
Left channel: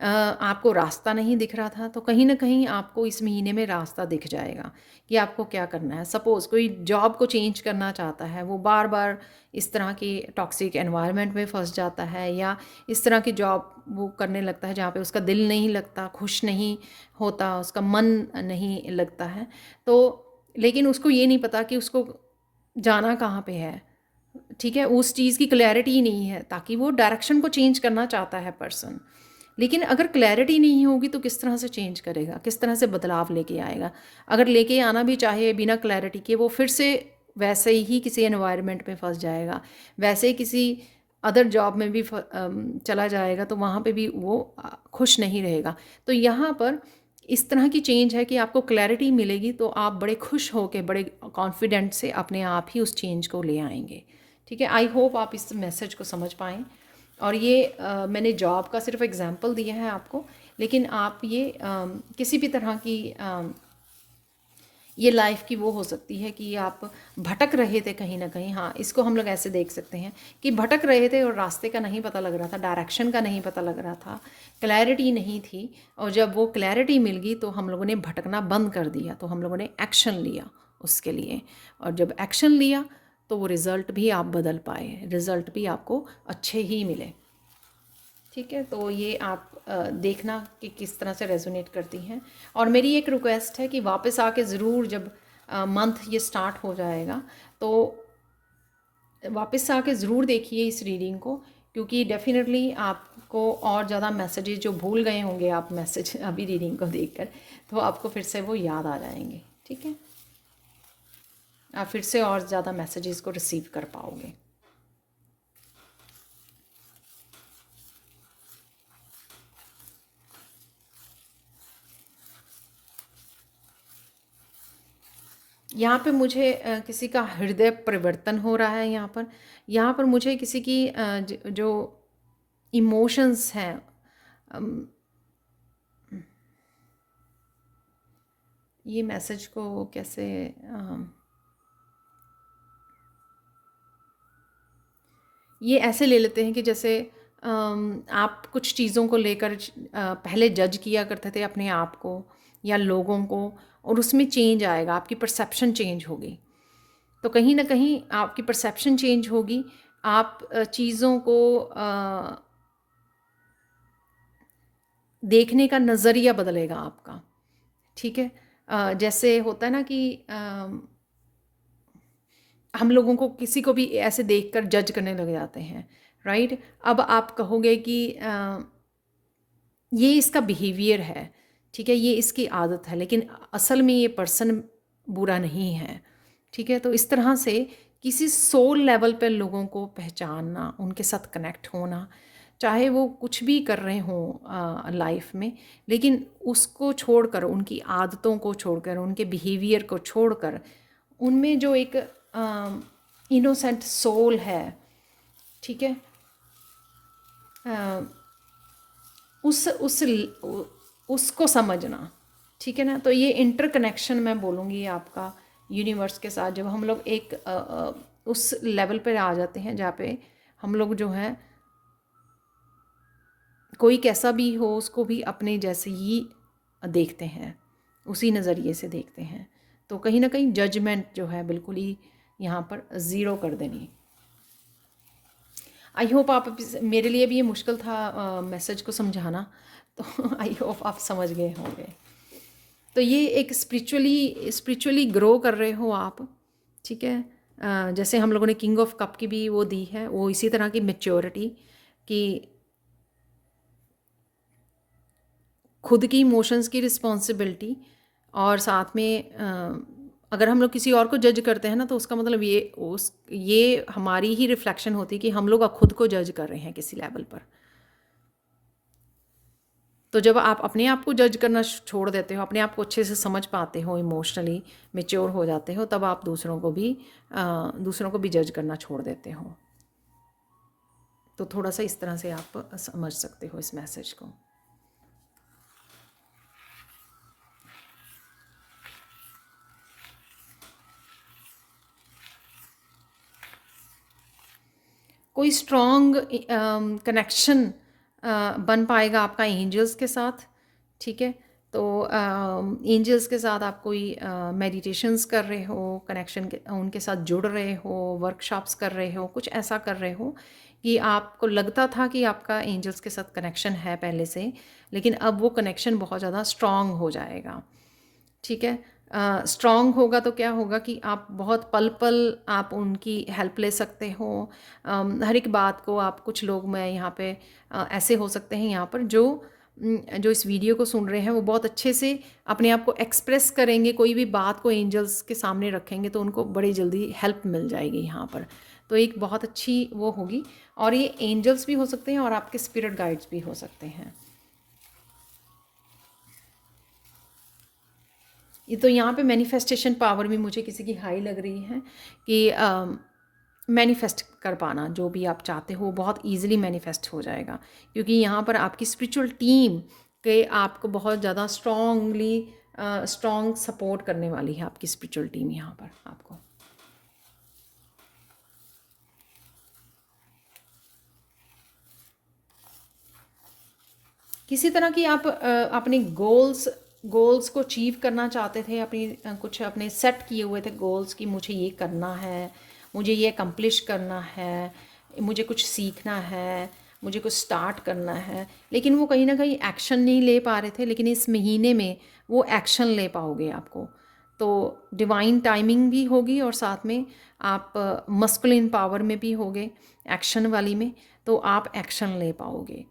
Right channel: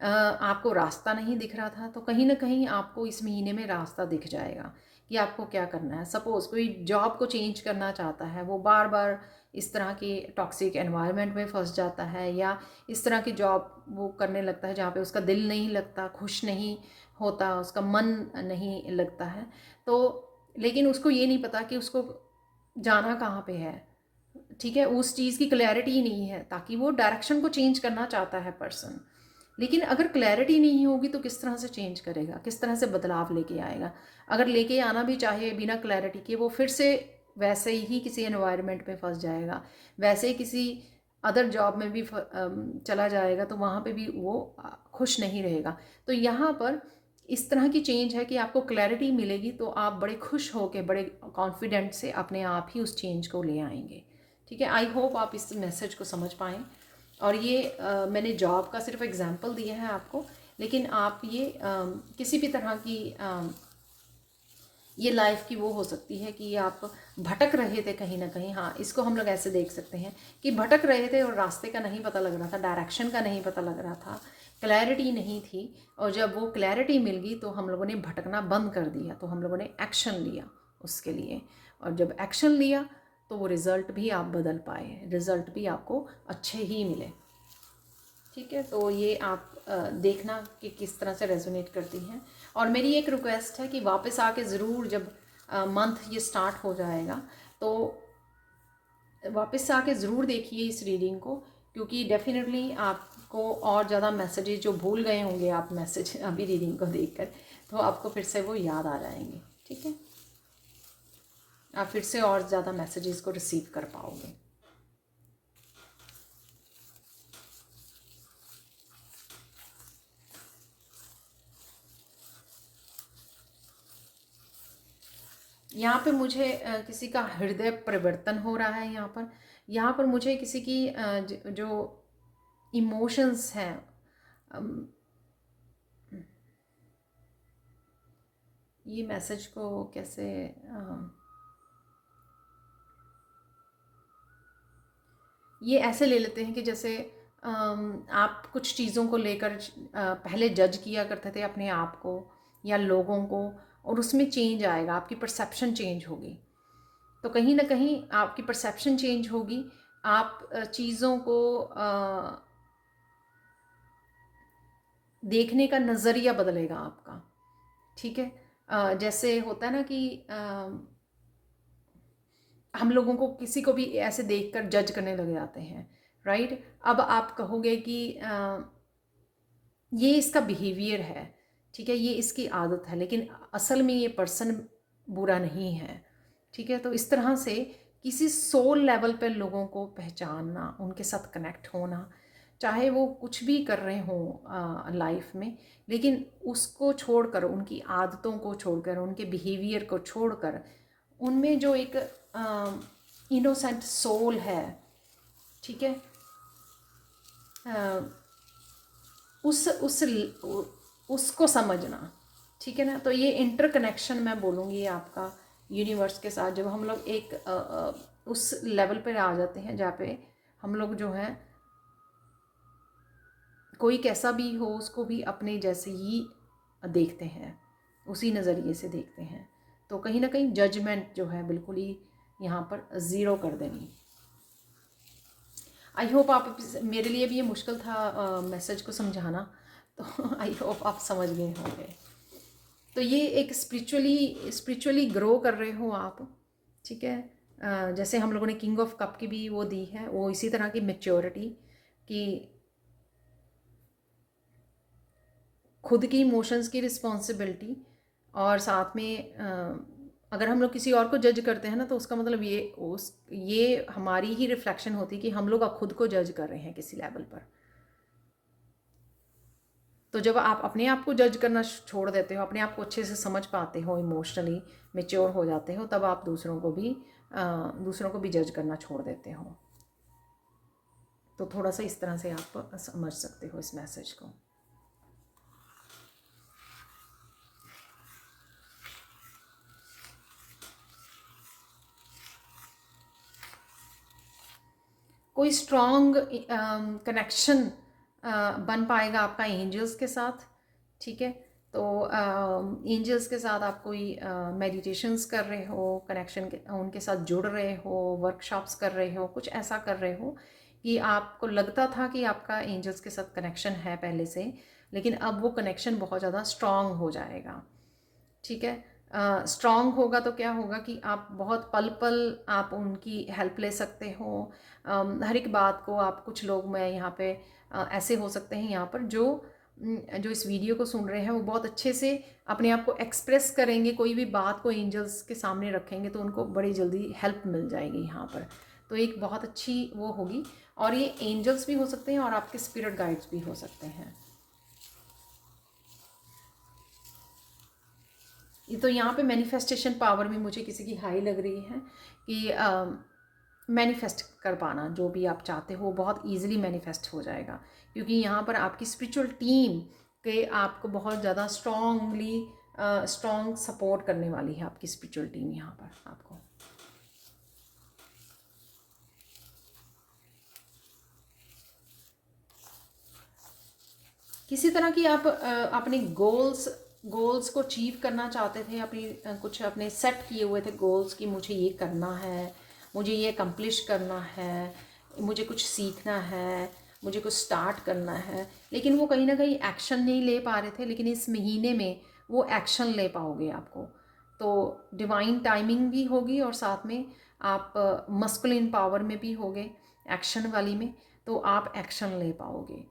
आपको रास्ता नहीं दिख रहा था, तो कहीं ना कहीं आपको इस महीने में रास्ता दिख जाएगा कि आपको क्या करना है। सपोज़ कोई जॉब को चेंज करना चाहता है, वो बार बार इस तरह के टॉक्सिक एनवायरनमेंट में फंस जाता है, या इस तरह की जॉब वो करने लगता है जहाँ पे उसका दिल नहीं लगता, खुश नहीं होता, उसका मन नहीं लगता है। तो लेकिन उसको ये नहीं पता कि उसको जाना कहाँ पे है, ठीक है, उस चीज़ की क्लैरिटी ही नहीं है, ताकि वो डायरेक्शन को चेंज करना चाहता है पर्सन। लेकिन अगर क्लैरिटी नहीं होगी तो किस तरह से चेंज करेगा, किस तरह से बदलाव लेके आएगा। अगर लेके आना भी चाहे बिना क्लैरिटी के, वो फिर से वैसे ही किसी एनवायरनमेंट में फंस जाएगा, वैसे ही किसी अदर जॉब में भी चला जाएगा, तो वहाँ पे भी वो खुश नहीं रहेगा। तो यहाँ पर इस तरह की चेंज है कि आपको क्लैरिटी मिलेगी तो आप बड़े खुश होकर, बड़े कॉन्फिडेंट से अपने आप ही उस चेंज को ले आएंगे। ठीक है, आई होप आप इस मैसेज को समझ पाएँ। और ये मैंने जॉब का सिर्फ एग्जांपल दिया है आपको, लेकिन आप ये किसी भी तरह की ये लाइफ की वो हो सकती है कि आप भटक रहे थे कहीं ना कहीं। हाँ, इसको हम लोग ऐसे देख सकते हैं कि भटक रहे थे और रास्ते का नहीं पता लग रहा था, डायरेक्शन का नहीं पता लग रहा था, क्लैरिटी नहीं थी। और जब वो क्लैरिटी मिल गई तो हम लोगों ने भटकना बंद कर दिया, तो हम लोगों ने एक्शन लिया उसके लिए। और जब एक्शन लिया तो वो रिज़ल्ट भी आप बदल पाए, रिज़ल्ट भी आपको अच्छे ही मिले। ठीक है, तो ये आप देखना कि किस तरह से रेजोनेट करती हैं। और मेरी एक रिक्वेस्ट है कि वापस आके ज़रूर, जब मंथ ये स्टार्ट हो जाएगा, तो वापस से आके ज़रूर देखिए इस रीडिंग को, क्योंकि डेफिनेटली आपको और ज़्यादा मैसेजेस जो भूल गए होंगे आप मैसेज अभी रीडिंग को देखकर, तो आपको फिर से वो याद आ जाएंगे। ठीक है, आप फिर से और ज़्यादा मैसेजेस को रिसीव कर पाओगे। यहाँ पे मुझे किसी का हृदय परिवर्तन हो रहा है। यहाँ पर मुझे किसी की जो इमोशंस हैं, अम, ये मैसेज को कैसे ये ऐसे ले लेते हैं कि जैसे आप कुछ चीज़ों को लेकर पहले जज किया करते थे अपने आप को या लोगों को, और उसमें चेंज आएगा, आपकी परसेप्शन चेंज होगी। तो कहीं ना कहीं आपकी परसेप्शन चेंज होगी, आप चीज़ों को देखने का नज़रिया बदलेगा आपका। ठीक है, जैसे होता है ना कि हम लोगों को किसी को भी ऐसे देखकर जज करने लग जाते हैं, राइट। अब आप कहोगे कि ये इसका बिहेवियर है, ठीक है, ये इसकी आदत है, लेकिन असल में ये पर्सन बुरा नहीं है। ठीक है, तो इस तरह से किसी सोल लेवल पर लोगों को पहचानना, उनके साथ कनेक्ट होना, चाहे वो कुछ भी कर रहे हों लाइफ में, लेकिन उसको छोड़कर, उनकी आदतों को छोड़कर, उनके बिहेवियर को छोड़कर, उनमें जो एक इनोसेंट सोल है, ठीक है, उस उसको समझना। ठीक है ना, तो ये इंटरकनेक्शन मैं बोलूँगी आपका यूनिवर्स के साथ, जब हम लोग एक उस लेवल पर आ जाते हैं जहाँ पे हम लोग जो है, कोई कैसा भी हो उसको भी अपने जैसे ही देखते हैं, उसी नज़रिए से देखते हैं, तो कहीं ना कहीं जजमेंट जो है बिल्कुल ही यहाँ पर ज़ीरो कर देनी। आई होप आप, मेरे लिए भी ये मुश्किल था मैसेज को समझाना, तो आई होप आप समझ गए होंगे। तो ये एक स्पिरिचुअली ग्रो कर रहे हो आप। ठीक है, जैसे हम लोगों ने किंग ऑफ कप की भी वो दी है, वो इसी तरह की मैच्योरिटी कि खुद की इमोशंस की रिस्पॉन्सिबिलिटी, और साथ में अगर हम लोग किसी और को जज करते हैं ना, तो उसका मतलब ये हमारी ही रिफ्लेक्शन होती है कि हम लोग खुद को जज कर रहे हैं किसी लेवल पर। तो जब आप अपने आप को जज करना छोड़ देते हो, अपने आप को अच्छे से समझ पाते हो, इमोशनली मेच्योर हो जाते हो, तब आप दूसरों को भी जज करना छोड़ देते हो। तो थोड़ा सा इस तरह से आप समझ सकते हो इस मैसेज को। कोई स्ट्रॉन्ग कनेक्शन बन पाएगा आपका एंजल्स के साथ, ठीक है। तो एंजल्स के साथ आप कोई मेडिटेशंस कर रहे हो, कनेक्शन के उनके साथ जुड़ रहे हो, वर्कशॉप्स कर रहे हो, कुछ ऐसा कर रहे हो कि आपको लगता था कि आपका एंजल्स के साथ कनेक्शन है पहले से, लेकिन अब वो कनेक्शन बहुत ज़्यादा स्ट्रॉन्ग हो जाएगा, ठीक है। स्ट्रॉन्ग होगा तो क्या होगा कि आप बहुत पल पल आप उनकी हेल्प ले सकते हो। हर एक बात को आप, कुछ लोग मैं यहाँ पे ऐसे हो सकते हैं यहाँ पर जो इस वीडियो को सुन रहे हैं, वो बहुत अच्छे से अपने आप को एक्सप्रेस करेंगे, कोई भी बात को एंजल्स के सामने रखेंगे तो उनको बड़ी जल्दी हेल्प मिल जाएगी यहाँ पर। तो एक बहुत अच्छी वो होगी, और ये एंजल्स भी हो सकते हैं और आपके स्पिरिट गाइड्स भी हो सकते हैं। ये तो यहाँ पे मैनिफेस्टेशन पावर भी मुझे किसी की हाई लग रही है कि मैनिफेस्ट कर पाना जो भी आप चाहते हो बहुत इजीली मैनिफेस्ट हो जाएगा, क्योंकि यहाँ पर आपकी स्पिरिचुअल टीम के आपको बहुत ज़्यादा स्ट्रॉन्ग सपोर्ट करने वाली है आपकी स्पिरिचुअल टीम यहाँ पर आपको। किसी तरह की आप अपने गोल्स को अचीव करना चाहते थे, कुछ अपने सेट किए हुए थे गोल्स कि मुझे ये करना है, मुझे ये अकम्प्लिश करना है, मुझे कुछ सीखना है, मुझे कुछ स्टार्ट करना है, लेकिन वो कहीं ना कहीं एक्शन नहीं ले पा रहे थे। लेकिन इस महीने में वो एक्शन ले पाओगे आपको, तो डिवाइन टाइमिंग भी होगी और साथ में आप मस्कुलिन पावर में भी होगे, एक्शन वाली में, तो आप एक्शन ले पाओगे।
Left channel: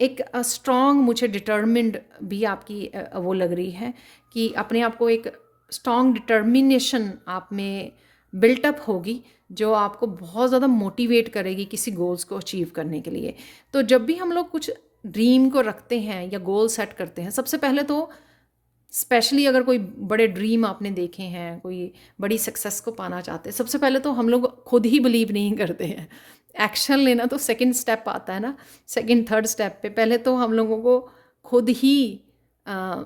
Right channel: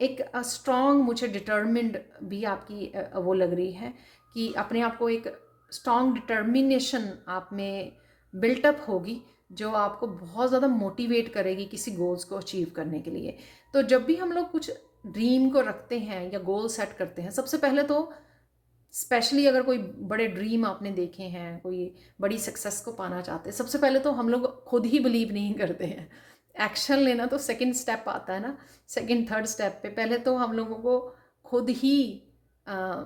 एक स्ट्रॉन्ग मुझे डिटर्मिन्ड भी आपकी वो लग रही है कि अपने आप को एक स्ट्रॉन्ग डिटर्मिनेशन आप में बिल्टअप होगी, जो आपको बहुत ज़्यादा मोटिवेट करेगी किसी गोल्स को अचीव करने के लिए। तो जब भी हम लोग कुछ ड्रीम को रखते हैं या गोल सेट करते हैं, सबसे पहले तो स्पेशली अगर कोई बड़े ड्रीम आपने देखे हैं, कोई बड़ी सक्सेस को पाना चाहते हैं, सबसे पहले तो हम लोग खुद ही बिलीव नहीं करते हैं। एक्शन लेना तो सेकंड स्टेप आता है ना, सेकंड थर्ड स्टेप पे। पहले तो हम लोगों को खुद ही अ,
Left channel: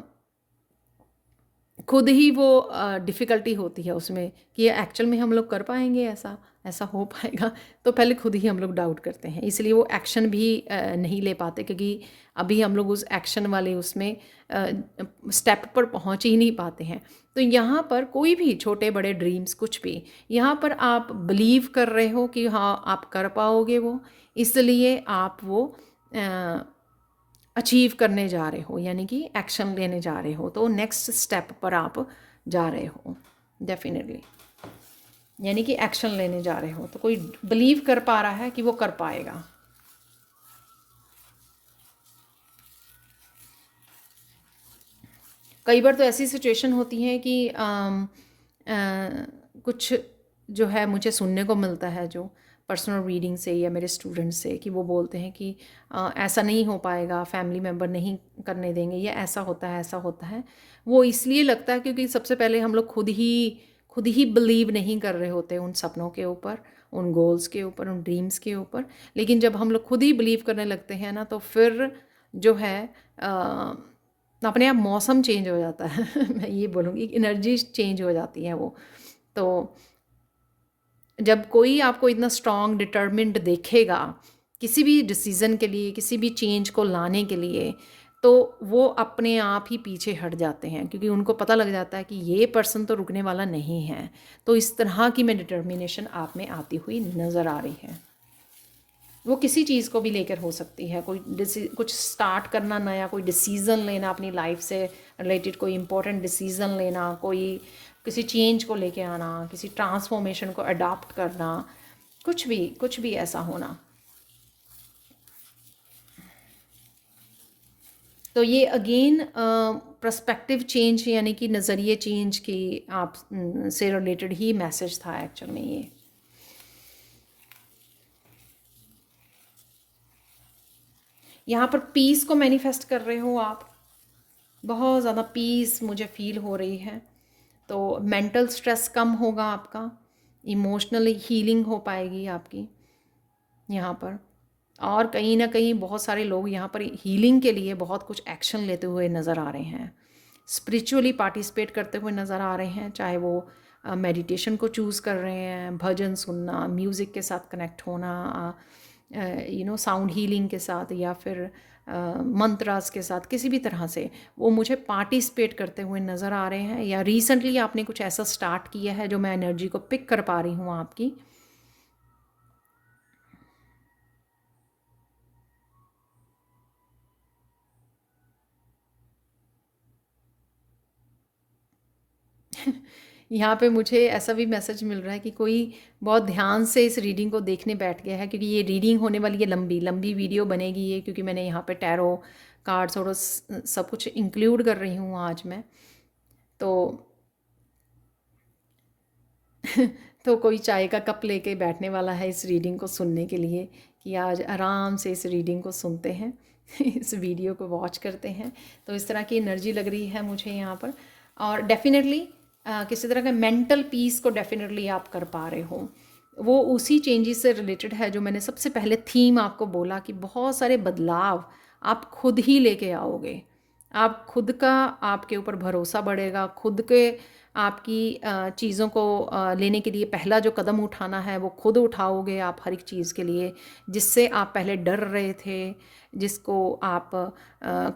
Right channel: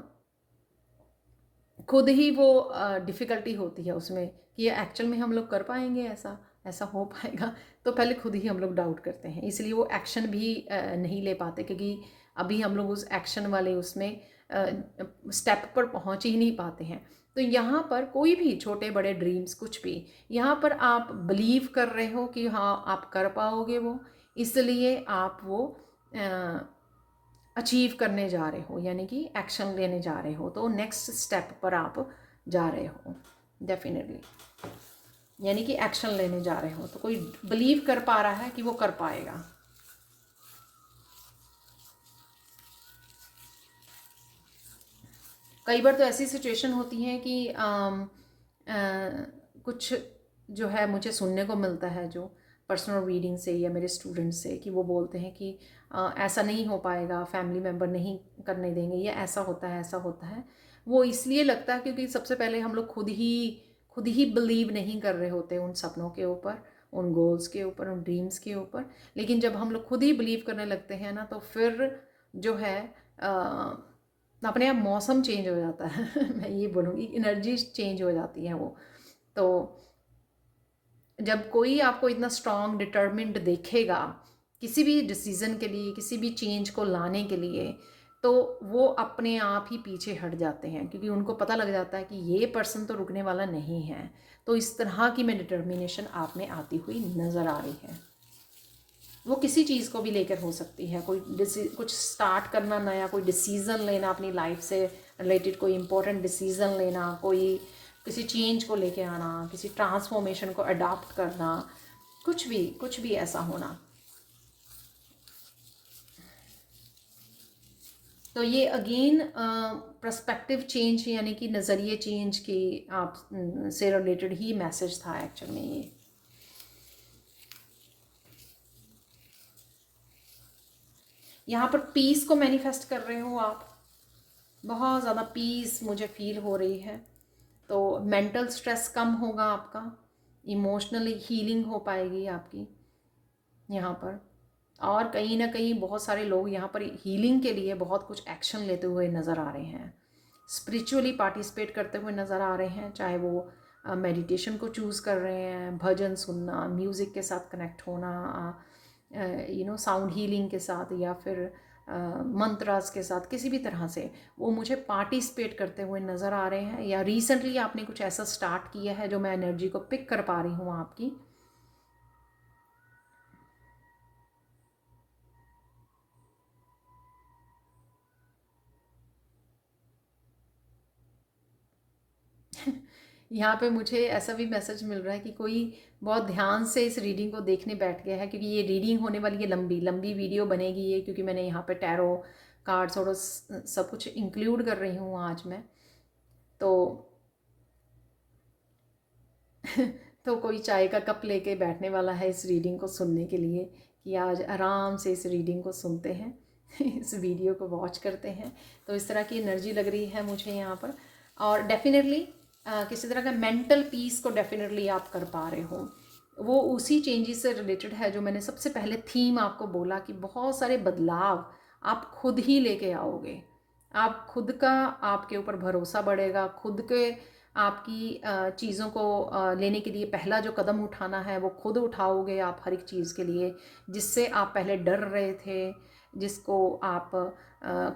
खुद ही वो डिफ़िकल्टी होती है उसमें कि एक्चुअल में हम लोग कर पाएंगे, ऐसा ऐसा हो पाएगा। तो पहले खुद ही हम लोग डाउट करते हैं, इसलिए वो एक्शन भी नहीं ले पाते, क्योंकि अभी हम लोग उस एक्शन वाले उसमें स्टेप पर पहुंच ही नहीं पाते हैं। तो यहाँ पर कोई भी छोटे बड़े ड्रीम्स कुछ भी, यहाँ पर आप बिलीव कर रहे हो कि हाँ आप कर पाओगे वो, इसलिए आप वो अचीव करने जा रहे हो, यानी कि एक्शन लेने जा रहे हो, तो नेक्स्ट स्टेप पर आप जा रहे हो डेफिनेटली, यानी कि एक्शन लेने जा रहे हो। तो कोई बिलीव कर पा रहा है कि वो कर पाएगा। कई बार तो ऐसी सिचुएशन होती है कि कुछ जो है मुझे सुनने को मिलता है, जो पर्सनल रीडिंग से या मेरे स्टूडेंट से, कि वो बोलते हैं कि ऐसा नहीं हो पाएगा, फैमिली मेम्बर नहीं करने देंगे, या ऐसा होता है ऐसा होता है। वो इसलिए लगता है क्योंकि सबसे पहले हम लोग खुद ही बिलीव नहीं कर रहे होते उन सपनों के ऊपर, उन गोल्स के ऊपर, उन ड्रीम्स के ऊपर। लेकिन जब हम लोग खुद ही बिलीव करने लगते हैं ना, तो फिर जो है अपने आप मौसम चेंज हो जाता है मैं ये बोलूँगी, एनर्जी चेंज हो जाती है वो। तो जब कोई आपको इतना स्ट्रॉन्ग डिटर्मिन्ड देखेगा किसी भी डिसीज़न के लिए, किसी भी चेंज को लाने के लिए, तो वो अपने आप ही पीछे हट जाते हैं, क्योंकि उनको पता लग जाता है कि ये पर्सन तो रुकने वाला नहीं है। तो इस तरह की मैं डिटर्मिनेशन आप में आती हुई नज़र आ रही है। वो किसी चीज़ को भी लेकर हो सकती है, कुछ स्टार्ट करना नया, कोई डिसीज़न लेना अपनी लाइफ से रिलेटेड, कोई इम्पोर्टेंट डिसीज़न लेना, कोई किसी चेंज को लेके आना, किसी ट्रांसफॉर्मेशन को अडॉप्ट करना, कुछ भी ऐसा होना। तो ये अगेन पर्सपेक्टिव चेंज, यानी कि नज़रिए चेंज की आप से रिलेटेड ही मैसेज था एक्चुअल में ये। यहाँ पर पीस को मैनिफेस्ट कर रहे हो आप, बहुत ज़्यादा पीस मुझे फील हो रही है। तो मेंटल स्ट्रेस कम होगा आपका, इमोशनली हीलिंग हो पाएगी आपकी यहाँ पर। और कहीं ना कहीं बहुत सारे लोग यहाँ पर हीलिंग के लिए बहुत कुछ एक्शन लेते हुए नज़र आ रहे हैं, स्पिरिचुअली पार्टिसिपेट करते हुए नज़र आ रहे हैं, चाहे वो मेडिटेशन को चूज़ कर रहे हैं, भजन सुनना, म्यूज़िक के साथ कनेक्ट होना, साउंड हीलिंग के साथ या फिर मंत्रास के साथ किसी भी तरह से वो मुझे पार्टिसिपेट करते हुए नज़र आ रहे हैं, या रिसेंटली आपने कुछ ऐसा स्टार्ट किया है जो मैं एनर्जी को पिक कर पा रही हूँ आपकी। यहाँ पे मुझे ऐसा भी मैसेज मिल रहा है कि कोई बहुत ध्यान से इस रीडिंग को देखने बैठ गया है, क्योंकि ये रीडिंग होने वाली है, लंबी लंबी वीडियो बनेगी ये, क्योंकि मैंने यहाँ पे टैरो कार्ड्स और सब कुछ इंक्लूड कर रही हूँ आज मैं। तो तो कोई चाय का कप लेके बैठने वाला है इस रीडिंग को सुनने के लिए, कि आज आराम से इस रीडिंग को सुनते हैं इस वीडियो को वॉच करते हैं। तो इस तरह की एनर्जी लग रही है मुझे यहाँ पर। और डेफिनेटली किसी तरह का मेंटल पीस को डेफिनेटली आप कर पा रहे हो। वो उसी चेंजेस से रिलेटेड है जो मैंने सबसे पहले थीम आपको बोला, कि बहुत सारे बदलाव आप खुद ही लेके आओगे। आप खुद का, आपके ऊपर भरोसा बढ़ेगा, खुद के आपकी चीज़ों को लेने के लिए पहला जो कदम उठाना है वो खुद उठाओगे आप हर एक चीज़ के लिए, जिससे आप पहले डर रहे थे, जिसको आप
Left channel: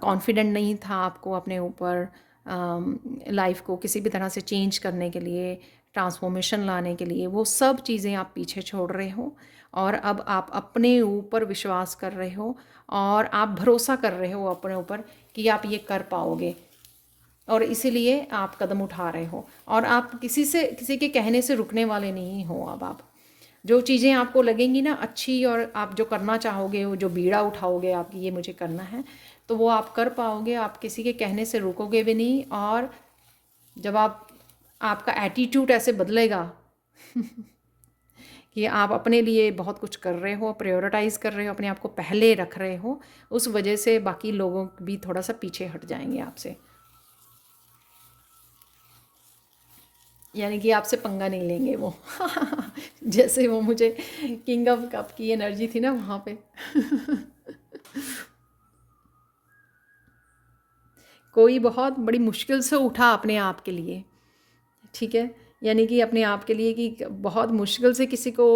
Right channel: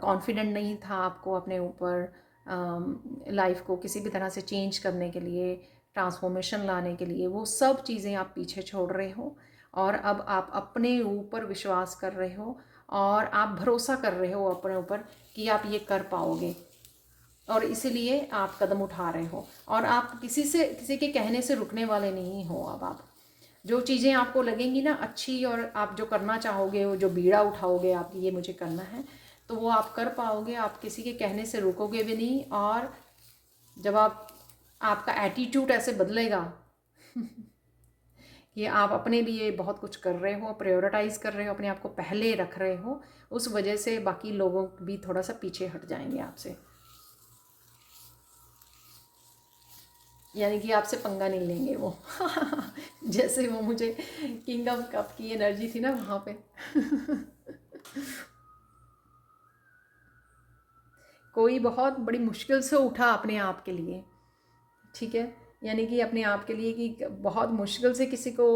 कॉन्फिडेंट नहीं था आपको अपने ऊपर, लाइफ को किसी भी तरह से चेंज करने के लिए, ट्रांसफॉर्मेशन लाने के लिए, वो सब चीज़ें आप पीछे छोड़ रहे हो। और अब आप अपने ऊपर विश्वास कर रहे हो और आप भरोसा कर रहे हो अपने ऊपर कि आप ये कर पाओगे, और इसीलिए आप कदम उठा रहे हो। और आप किसी के कहने से रुकने वाले नहीं हो। अब आप जो चीज़ें आपको लगेंगी ना अच्छी, और आप जो करना चाहोगे, वो जो बीड़ा उठाओगे आपकी, ये मुझे करना है, तो वो आप कर पाओगे। आप किसी के कहने से रुकोगे भी नहीं। और जब आपका एटीट्यूड ऐसे बदलेगा कि आप अपने लिए बहुत कुछ कर रहे हो, प्रायोरिटाइज़ कर रहे हो, अपने आप को पहले रख रहे हो, उस वजह से बाकी लोगों भी थोड़ा सा पीछे हट जाएंगे आपसे, यानी कि आपसे पंगा नहीं लेंगे वो जैसे वो मुझे किंग ऑफ कप की एनर्जी थी ना वहाँ पे कोई बहुत बड़ी मुश्किल से उठा अपने आप के लिए, ठीक है, यानी कि अपने आप के लिए, कि बहुत मुश्किल से किसी को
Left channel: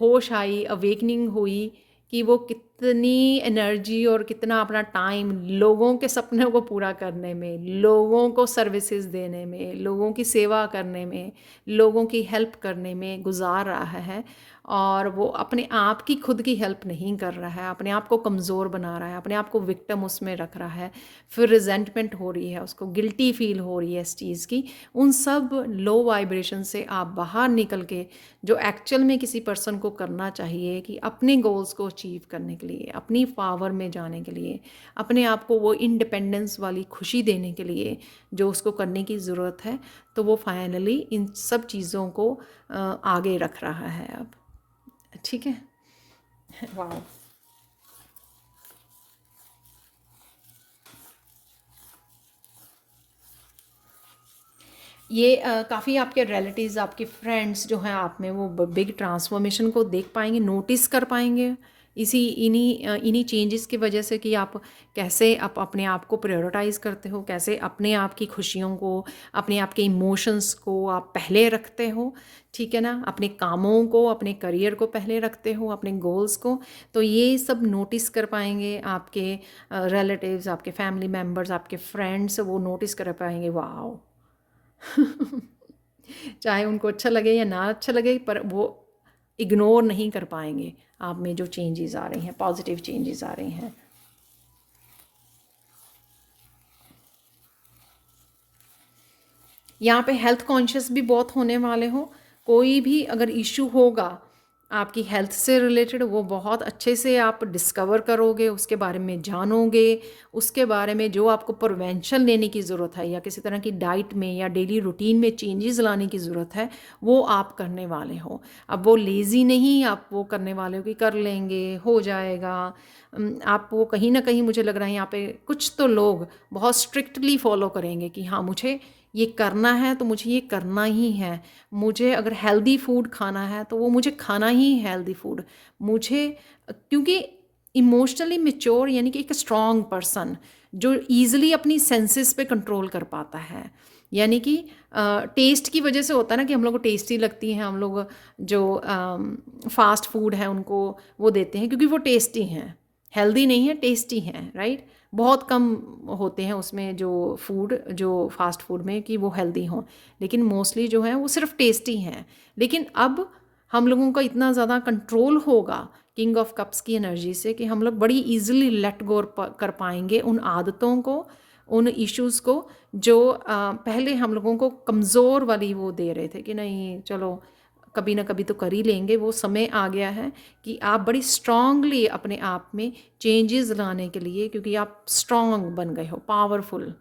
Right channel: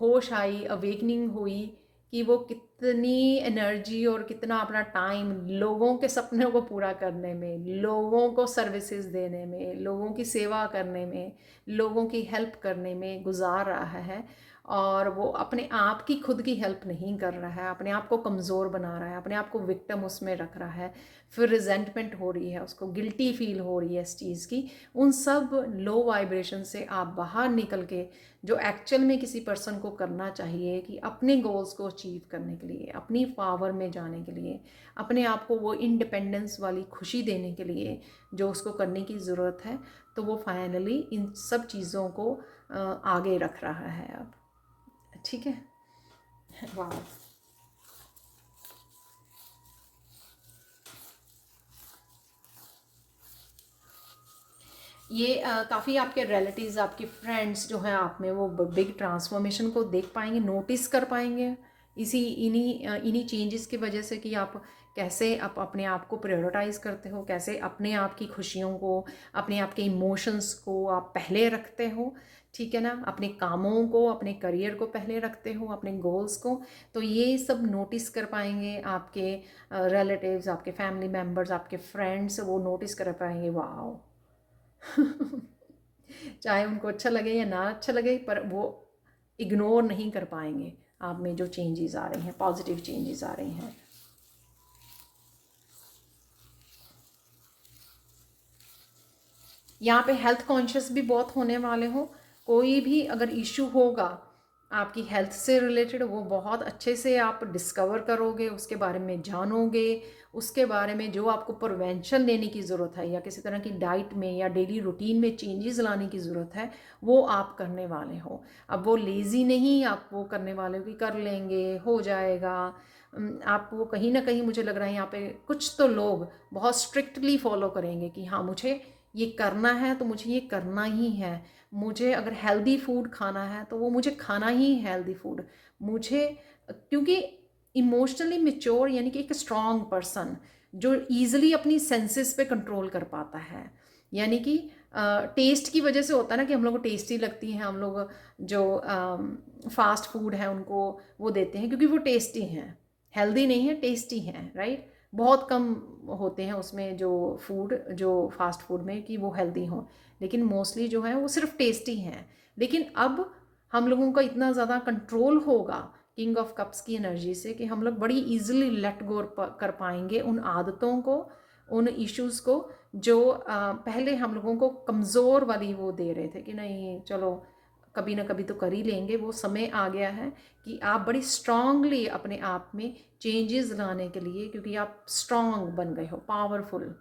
होश आई, अवेकनिंग हुई, कि वो कितनी एनर्जी और कितना अपना टाइम लोगों के सपनों को पूरा करने में, लोगों को सर्विसेज देने में, लोगों की सेवा करने में, लोगों की हेल्प करने में गुजार रहा है। और वो अपने आप की खुद की हेल्प नहीं कर रहा है, अपने आप को कमज़ोर बना रहा है, अपने आप को विक्टिम उसमें रख रहा है, फिर रिजेंटमेंट हो रही है, उसको गिल्टी फील हो रही है इस चीज़ की। उन सब लो वाइब्रेशन से आप बाहर निकल के, जो एक्चुअल में किसी पर्सन को करना चाहिए कि अपने गोल्स को अचीव करने के लिए, अपनी पावर में जाने के लिए, अपने आप को वो इंडिपेंडेंस वाली खुशी देने के लिए जो उसको करने की ज़रूरत है, तो वो फाइनली इन सब चीज़ों को आगे रख रहा है अब, ठीक है। वाह, ये काफ़ी आपके रिलेटिव्स, आपके फ्रेंड्स जो हैं आप में, वो बिग ट्रांसफॉर्मेशन को देख पाएंगे, नोटिस कर पाएंगे इन्हीं चेंजेस की वजह से, कि आप कैसे आप अपने आप को प्रायोरिटाइज़ करते हो, कैसे अपने आप की खुशियों को, अपने आप के इमोशंस को आप पहले रखते हो, ठीक है ना, अपने कामों को, अपने करियर को पहले रखते हो, अपने गोल्स को। तो ये सब नोटिस कर पाएंगे आपके रिलेटिव्स, आपके फैमिली मेम्बर्स, आपके फ्रेंड्स, वो नोटिस कर पाएंगे। वाह चाहे उनको अच्छा लगे या ना अच्छा लगे, पर वो इग्नोर नहीं कर पाएंगे आप में जो चेंजेस आ रही हैं, पॉजिटिव चेंजेस आ रही हैं। यहाँ पे हेल्थ कॉन्शियस भी बहुत होने वाले हो। कोई भी अगर इशू होगा आपकी हेल्थ से रिलेटेड, वो बहुत अच्छे से आप डिस्कवर करोगे, उसके बारे में जानोगे, उसके बारे में जो आपको प्रिवेंशन लेने की ज़रूरत है, या किसी तरह की डाइट में या डेली रूटीन में चेंजेस लाने की ज़रूरत है, वो आप करने वाले हो। अब वो लेज़ी नहीं, आप वो करने वाले हो कि कर लेंगे, हो जाएगा। आप वो कहीं ना कहीं, मुझे लग रहा है यहाँ पे कुछ तो लोग बहुत स्ट्रिक्टली फॉलो करेंगे कि हाँ, मुझे ये करना है तो मुझे ये करना ही है। मुझे अगर हेल्दी फूड खाना है तो वो मुझे खाना ही है हेल्दी फूड। मुझे, क्योंकि इमोशनली मेच्योर यानी कि एक स्ट्रॉन्ग पर्सन जो ईज़िली अपनी सेंसेस पे कंट्रोल कर पाता है, यानी कि टेस्ट की वजह से होता है ना कि हम लोग को टेस्टी लगती हैं, हम लोग जो फास्ट फूड है उनको वो देते हैं क्योंकि वो टेस्टी हैं, हेल्दी नहीं है, टेस्टी हैं, राइट। बहुत कम होते हैं उसमें जो फूड, जो फास्ट फूड में कि वो हेल्दी हों, लेकिन मोस्टली जो है वो सिर्फ टेस्टी हैं। लेकिन अब हम लोगों का इतना ज़्यादा कंट्रोल होगा किंग ऑफ कप्स की एनर्जी से कि हम लोग बड़ी इजीली लेट गो कर पाएंगे उन आदतों को, उन इश्यूज़ को जो पहले हम लोगों को कमज़ोर वाली वो दे रहे थे कि नहीं चलो कभी ना कभी तो कर ही लेंगे। वो समय आ गया है कि आप बड़ी स्ट्रांगली अपने आप में चेंजेस लाने के लिए, क्योंकि आप स्ट्रांग बन गए हो, पावरफुल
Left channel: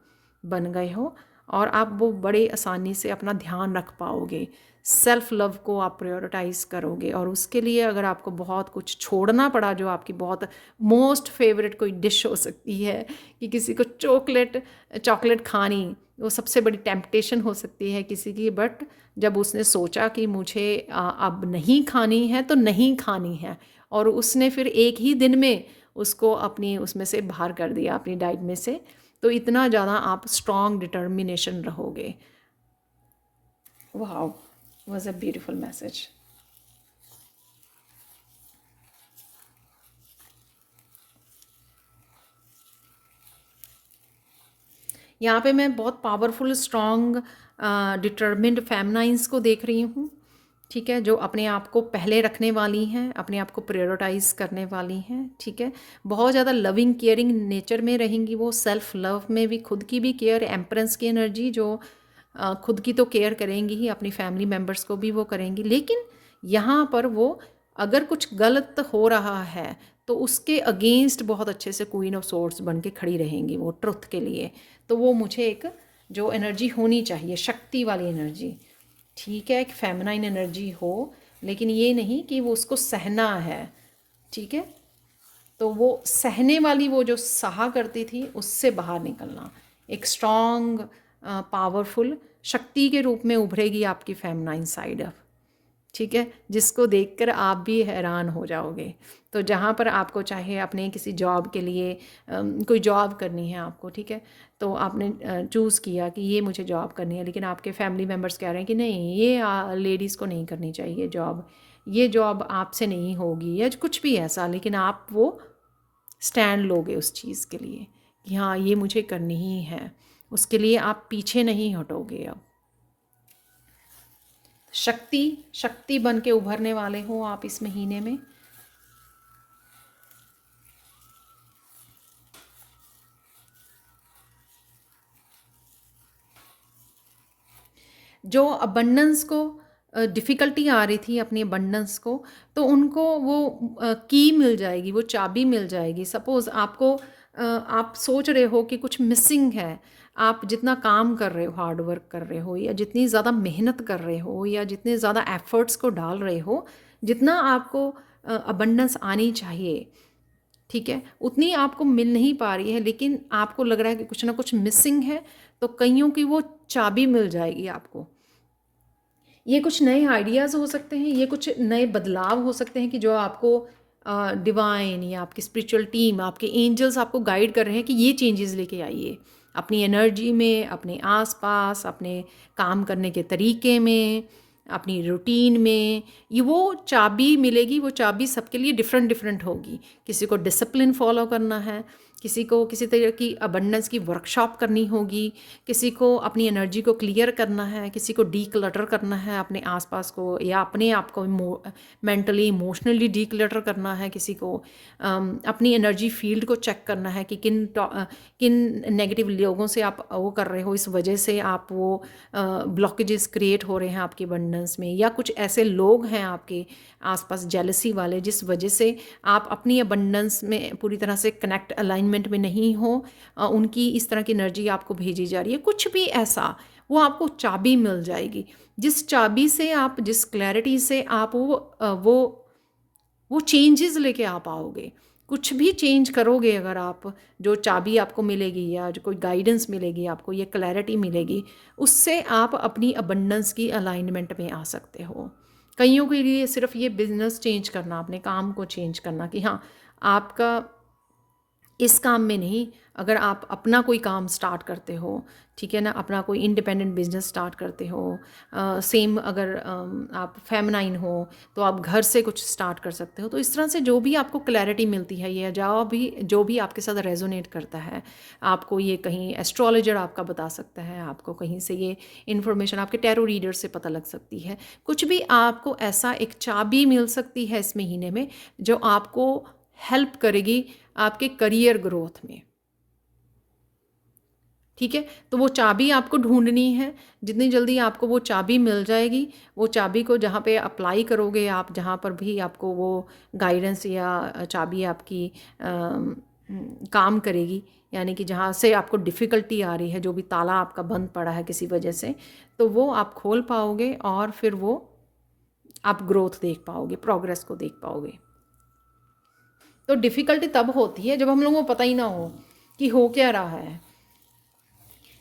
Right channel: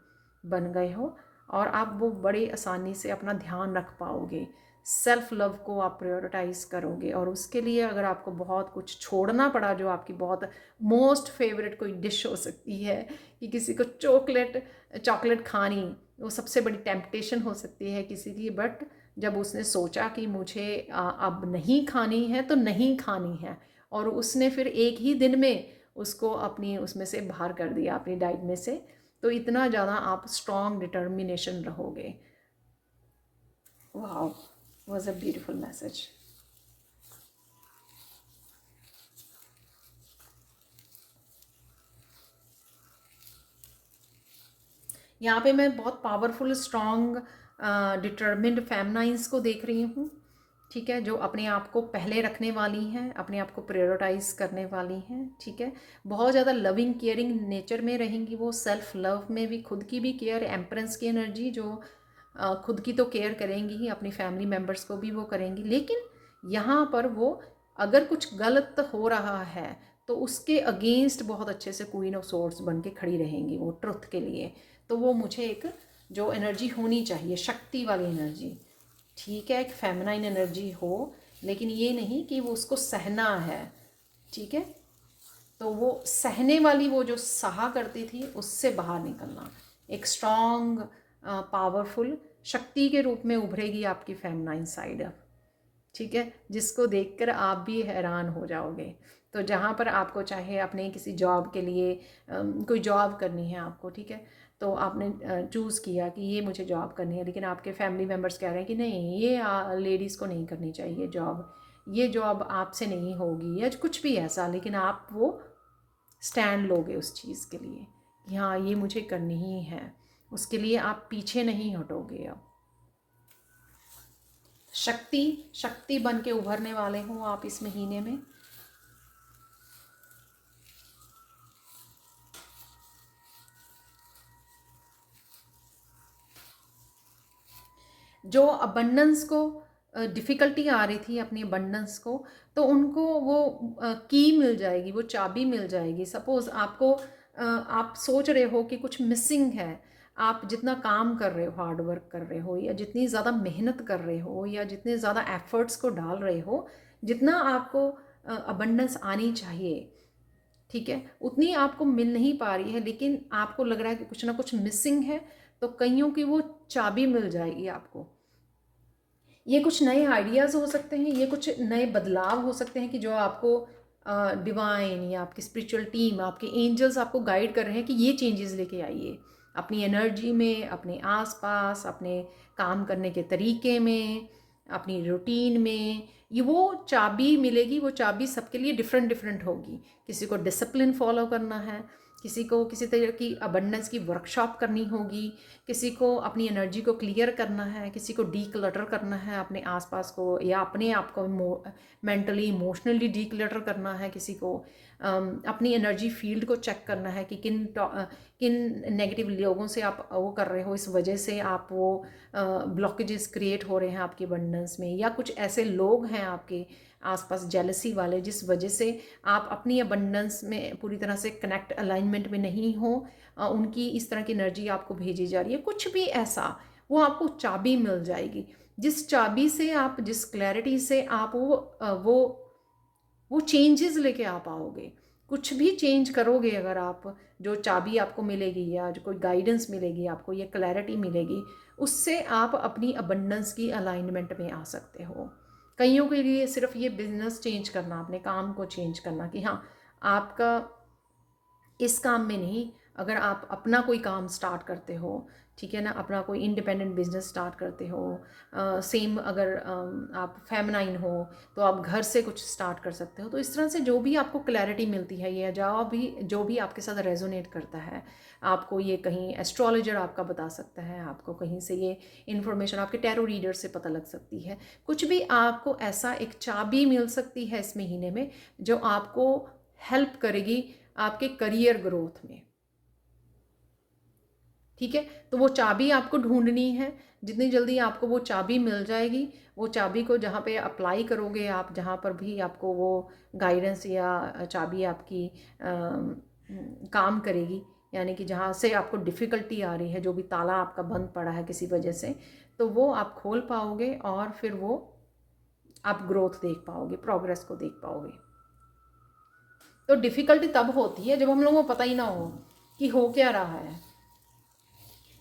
बन गए हो, और आप वो बड़े आसानी से अपना ध्यान रख पाओगे, सेल्फ लव को आप प्रायोरिटाइज करोगे। और उसके लिए अगर आपको बहुत कुछ छोड़ना पड़ा, जो आपकी बहुत मोस्ट फेवरेट कोई डिश हो सकती है कि किसी को चॉकलेट खानी, वो सबसे बड़ी टेम्पटेशन हो सकती है किसी की, बट जब उसने सोचा कि मुझे अब नहीं खानी है तो नहीं खानी है, और उसने फिर एक ही दिन में उसको अपनी उसमें से बाहर कर दिया, अपनी डाइट में से, तो इतना ज़्यादा आप स्ट्रॉन्ग डिटर्मिनेशन रहोगे। Wow, was a beautiful message. यहाँ पे मैं बहुत पावरफुल स्ट्रॉन्ग डिटर्मिन्ड फेमनाइंस को देख रही हूँ, ठीक है, जो अपने आप को पहले रखने वाली हैं, अपने आप को प्रायोरिटाइज करने वाली हैं, ठीक है, बहुत ज़्यादा लविंग केयरिंग नेचर में रहेंगी वो, सेल्फ लव में भी, खुद की भी केयर, एम्प्रेंस की एनर्जी, जो खुद की तो केयर करेंगी ही, अपनी फैमिली मेम्बर्स को भी वो करेंगी, लेकिन यहाँ पर वो अगर कुछ गलत हो रहा है तो उसके अगेंस्ट बहुत अच्छे से क्वीन ऑफ सोर्ड्स बन के खड़ी रहेंगी वो ट्रुथ के लिए। तो वो मुझे एक जो एनर्जी होनी चाहिए, शक्ति वाली एनर्जी, ठीक है, एक फेमिनाइन एनर्जी हो, लेकिन ये नहीं कि वो उसको सहना है, ठीक है, तो वो सहने वाली, वो जो सहा करती थी उससे बाहर निकलना, एक स्ट्रॉन्ग पावरफुल शक्ति के रूप में उभरेगी आपकी फेमिनाइन साइड अब, ठीक है, जिसको देखकर आप भी हैरान हो जाओगे। तो जहाँ पर आपको चाहे अपने किसी जॉब के लिए कोई जॉब करनी है आपको, ठीक है, तो आपने चूज़ किया कि ये मुझे जॉब करनी है, लेकिन आपके फैमिली मेम्बर्स कह रहे हैं कि नहीं, ये लेडीज़ को नहीं करनी चाहिए जॉब, ये जॉब आपसे नहीं होगी, या कुछ भी ऐसा, लेकिन आप वो स्टैंड लोगे उस चीज़ के लिए कि हाँ ये मुझे करनी ही है, उसके लिए आप पीछे नहीं हटोगे। अब शक्ति बन के उभरने वाले हो आप इस महीने में। जो अबंडेंस को डिफ़िकल्टी आ रही थी अपनी अबंडेंस को, तो उनको वो की मिल जाएगी, वो चाबी मिल जाएगी। सपोज़ आपको आप सोच रहे हो कि कुछ मिसिंग है, आप जितना काम कर रहे हो, हार्ड वर्क कर रहे हो, या जितनी ज़्यादा मेहनत कर रहे हो, या जितने ज़्यादा एफर्ट्स को डाल रहे हो, जितना आपको अबंडेंस आनी चाहिए, ठीक है, उतनी आपको मिल नहीं पा रही है, लेकिन आपको लग रहा है कि कुछ ना कुछ मिसिंग है, तो कईयों की वो चाबी मिल जाएगी आपको। ये कुछ नए आइडियाज़ हो सकते हैं, ये कुछ नए बदलाव हो सकते हैं कि जो आपको डिवाइन या आपकी स्पिरिचुअल टीम, आपके एंजल्स आपको गाइड कर रहे हैं कि ये चेंजेस लेके आइए अपनी एनर्जी में, अपने आसपास, अपने काम करने के तरीके में, अपनी रूटीन में। ये वो चाबी मिलेगी, वो चाबी सबके लिए डिफरेंट डिफरेंट होगी। किसी को डिसिप्लिन फॉलो करना है, किसी को किसी तरह की अबंडेंस की वर्कशॉप करनी होगी, किसी को अपनी एनर्जी को क्लियर करना है, किसी को डी क्लटर करना है अपने आसपास को, या अपने आप को मेंटली इमोशनली डी क्लटर करना है, किसी को अपनी एनर्जी फील्ड को चेक करना है कि किन नेगेटिव लोगों से आप वो कर रहे हो, इस वजह से आप वो ब्लॉकेजेस क्रिएट हो रहे हैं आपकी अबंडेंस में, या कुछ ऐसे लोग हैं आपके आसपास जेलसी वाले जिस वजह से आप अपनी अबंडेंस में पूरी तरह से कनेक्ट अलाइनमेंट में नहीं हो, उनकी इस तरह की एनर्जी आपको भेजी जा रही है, कुछ भी ऐसा, वो आपको चाबी मिल जाएगी, जिस चाबी से आप, जिस क्लैरिटी से आप वो चेंजेस लेके आ पाओगे। कुछ भी चेंज करोगे अगर आप, जो चाबी आपको मिलेगी या जो कोई गाइडेंस मिलेगी आपको, ये क्लैरिटी मिलेगी, उससे आप अपनी अबंडेंस की अलाइनमेंट में आ सकते हो। कईयों के लिए सिर्फ ये बिजनेस चेंज करना, अपने काम को चेंज करना, कि हाँ आपका इस काम में नहीं, अगर आप अपना कोई काम स्टार्ट करते हो, ठीक है ना, अपना कोई इंडिपेंडेंट बिजनेस स्टार्ट करते हो, सेम अगर आप फेमिनाइन हो तो आप घर से कुछ स्टार्ट कर सकते हो। तो इस तरह से जो भी आपको क्लैरिटी मिलती है, या जो भी आपके साथ रेजोनेट करता है, आपको ये कहीं एस्ट्रोलॉजर आपका बता सकता है, आपको कहीं से ये इन्फॉर्मेशन आपके टैरो रीडर से पता लग सकती है, कुछ भी आपको ऐसा एक चाबी मिल सकती है इस महीने में जो आपको हेल्प करेगी आपके करियर ग्रोथ में। ठीक है, तो वो चाबी आपको ढूंढनी है। जितनी जल्दी आपको वो चाबी मिल जाएगी, वो चाबी को जहाँ पे अप्लाई करोगे आप, जहाँ पर भी आपको वो गाइडेंस या चाबी आपकी काम करेगी, यानी कि जहाँ से आपको डिफ़िकल्टी आ रही है, जो भी ताला आपका बंद पड़ा है किसी वजह से, तो वो आप खोल पाओगे और फिर वो आप ग्रोथ देख पाओगे, प्रोग्रेस को देख पाओगे। तो डिफ़िकल्टी तब होती है जब हम लोगों को पता ही ना हो कि हो क्या रहा है,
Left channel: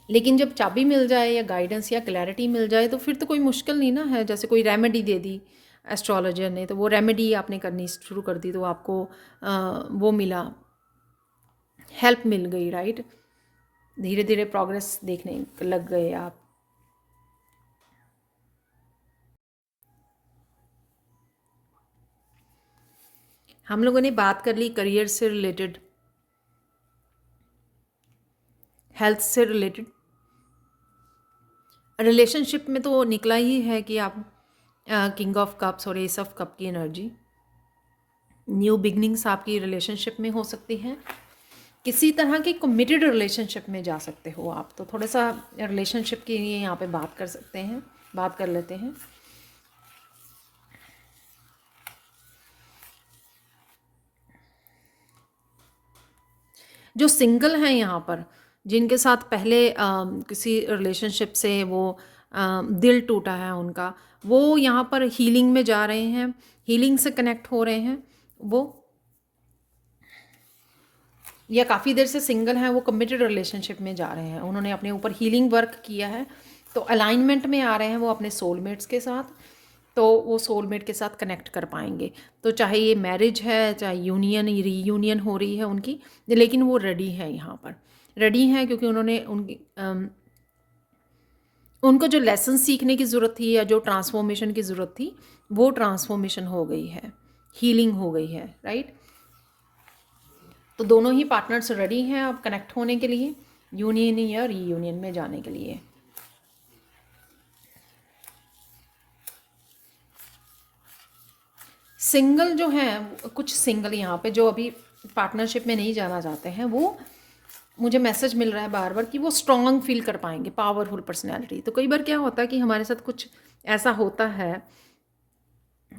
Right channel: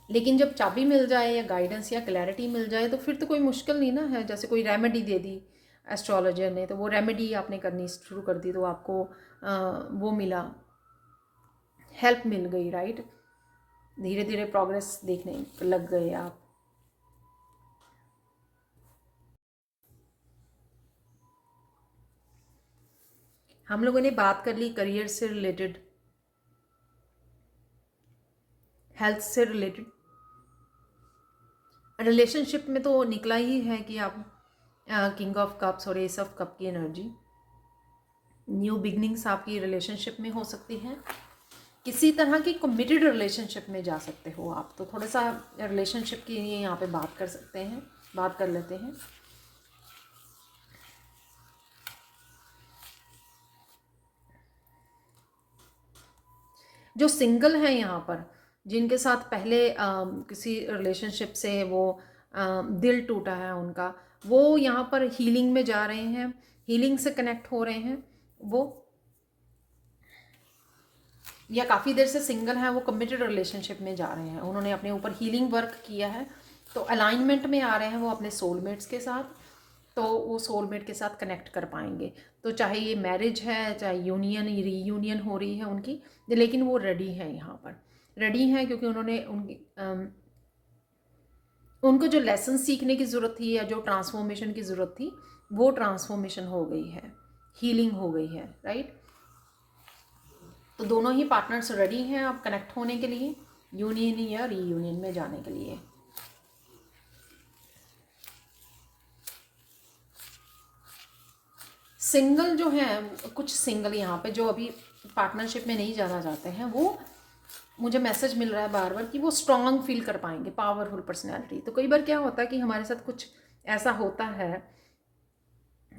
लेकिन जब चाबी मिल जाए या गाइडेंस या क्लैरिटी मिल जाए तो फिर तो कोई मुश्किल नहीं ना है। जैसे कोई रेमेडी दे दी एस्ट्रोलॉजर ने, तो वो रेमेडी आपने करनी शुरू कर दी, तो आपको वो मिला, हेल्प मिल गई, राइट। धीरे धीरे प्रोग्रेस देखने लग गए आप। हम लोगों ने बात कर ली करियर से रिलेटेड, हेल्थ से रिलेटेड। रिलेशनशिप में तो निकला ही है कि आप किंग ऑफ कप्स और एस ऑफ कप की एनर्जी, न्यू बिगनिंग्स आपकी रिलेशनशिप में हो सकती हैं। किसी तरह की कमिटेड रिलेशनशिप में जा सकते हो आप, तो थोड़ा सा रिलेशनशिप के लिए यहाँ पे बात कर सकते हैं, बात कर लेते हैं। जो सिंगल हैं यहाँ पर, जिनके साथ पहले किसी रिलेशनशिप से वो दिल टूटा है उनका, वो यहाँ पर हीलिंग में जा रहे हैं, हीलिंग से कनेक्ट हो रहे हैं वो, या काफ़ी देर से सिंगल हैं वो कमिटेड रिलेशनशिप में जा रहे हैं, उन्होंने अपने ऊपर हीलिंग वर्क किया है, तो अलाइनमेंट में आ रहे हैं वो अपने सोलमेट्स के साथ, तो वो सोलमेट के साथ कनेक्ट कर पाएंगे। तो चाहे ये मैरिज है, चाहे यूनियन रीयूनियन हो रही है उनकी, लेकिन वो रेडी है यहाँ पर, रेडी हैं, क्योंकि उन्होंने उनको जो लेसन सीखने की ज़रूरत थी या जो ट्रांसफॉर्मेशन की ज़रूरत थी, वो ट्रांसफॉर्मेशन हो गई है, हीलिंग हो गई है, राइट। तो दोनों ही पार्टनर्स रेडी हैं अब कनेक्ट होने के लिए, यूनियन या रीयूनियन में जाने के लिए। सिंगल जो हैं, कुछ सिंगल यहाँ पे जो अभी पार्टनरशिप में नहीं जाना चाहते हैं, वो मुझे मैसेज मिल रहा है बार बार कि वो स्ट्रॉन्ग फील कर पाएंगे, पावरफुल पर्सनैलिटी। तो कई बार क्या होता है कि हमारे साथ कुछ ऐसा होता है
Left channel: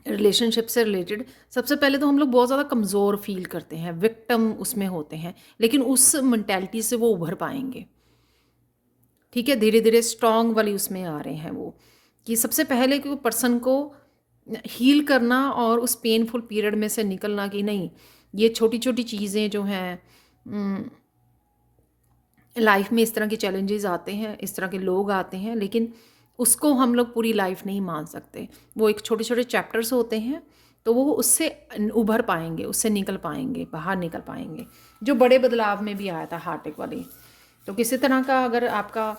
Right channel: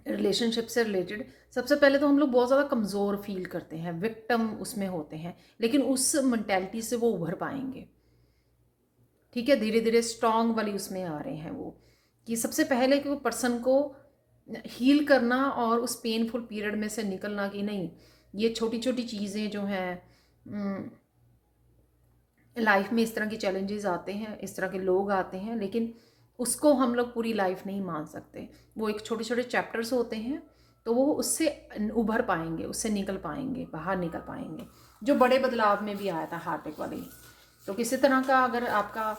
रिलेशनशिप से रिलेटेड, सबसे पहले तो हम लोग बहुत ज़्यादा कमज़ोर फील करते हैं, विक्टिम उसमें होते हैं, लेकिन उस मेंटालिटी से वो उभर पाएंगे। ठीक है, धीरे धीरे स्ट्रॉन्ग वाली उसमें आ रहे हैं वो, कि सबसे पहले कि पर्सन को हील करना और उस पेनफुल पीरियड में से निकलना, कि नहीं ये छोटी छोटी चीज़ें जो हैं, लाइफ में इस तरह के चैलेंजेस आते हैं, इस तरह के लोग आते हैं, लेकिन उसको हम लोग पूरी लाइफ नहीं मान सकते, वो एक छोटे छोटे चैप्टर्स होते हैं, तो वो उससे उभर पाएंगे, उससे निकल पाएंगे, बाहर निकल पाएंगे। जो बड़े बदलाव में भी आया था हार्ट अटैक वाली, तो किसी तरह का अगर आपका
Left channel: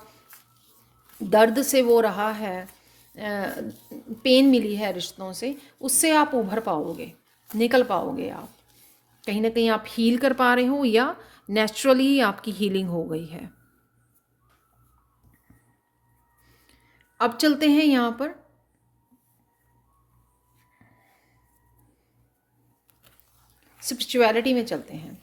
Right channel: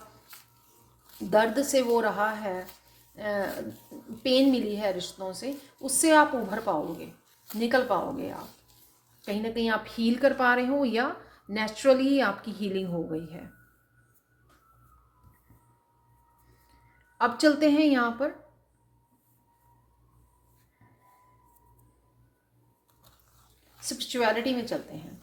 दर्द से वो रहा है, पेन मिली है रिश्तों से, उससे आप उभर पाओगे, निकल पाओगे आप, कहीं ना कहीं आप हील कर पा रहे हो या नेचुरली आपकी हीलिंग हो गई है। अब चलते हैं यहाँ पर स्पिरिचुअलिटी में चलते हैं।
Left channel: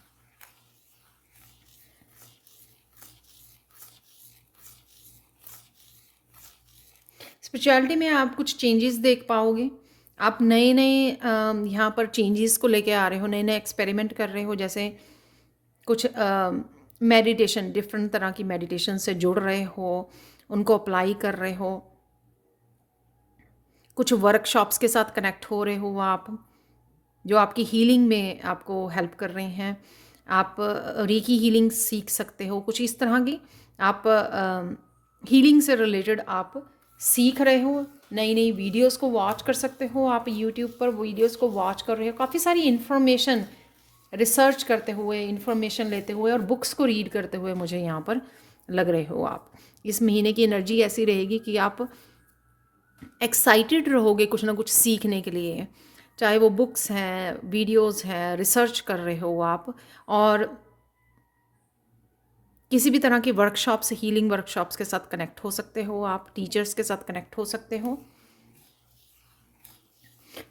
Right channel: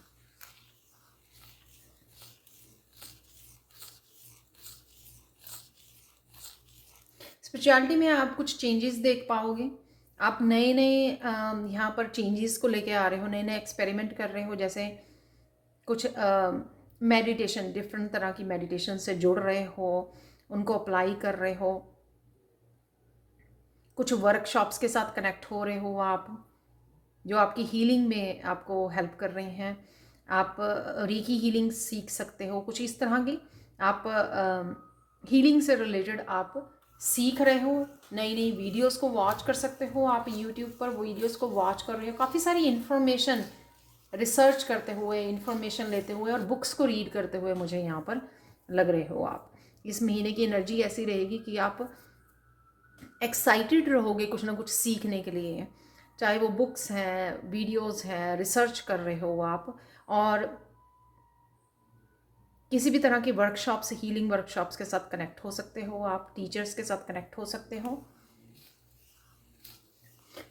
स्पिरिचुअलिटी में आप कुछ चेंजेस देख पाओगे, आप नए नए यहाँ पर चेंजेस को लेके आ रहे हो, नए नए एक्सपेरिमेंट कर रहे हो, जैसे कुछ मेडिटेशन, डिफरेंट तरह की मेडिटेशन से जुड़ रहे हो, उनको अप्लाई कर रहे हो, कुछ वर्कशॉप्स के साथ कनेक्ट हो रहे हो आप, जो आपकी हीलिंग में आपको हेल्प कर रहे हैं। आप रीकी हीलिंग सीख सकते हो, कुछ इस तरह की आप हीलिंग से रिलेटेड आप सीख रहे हो, नई नई वीडियोस को वॉच कर सकते हो, आप यूट्यूब पर वीडियोस को वॉच कर रहे हो, काफ़ी सारी इन्फॉर्मेशन रिसर्च करते हुए, इन्फॉर्मेशन लेते हुए और बुक्स को रीड करते हुए मुझे यहाँ पर लग रहे हो आप। इस महीने की एनर्जी ऐसी रहेगी कि आप एक्साइटेड रहोगे कुछ ना कुछ सीखने के लिए, चाहे वो बुक्स हैं, वीडियोस हैं, रिसर्च कर रहे हो आप, और किसी भी तरह के वर्कशॉप्स, हीलिंग वर्कशॉप्स के साथ कनेक्ट हो सकते हो आप, टीचर्स के साथ कनेक्ट हो सकते हो।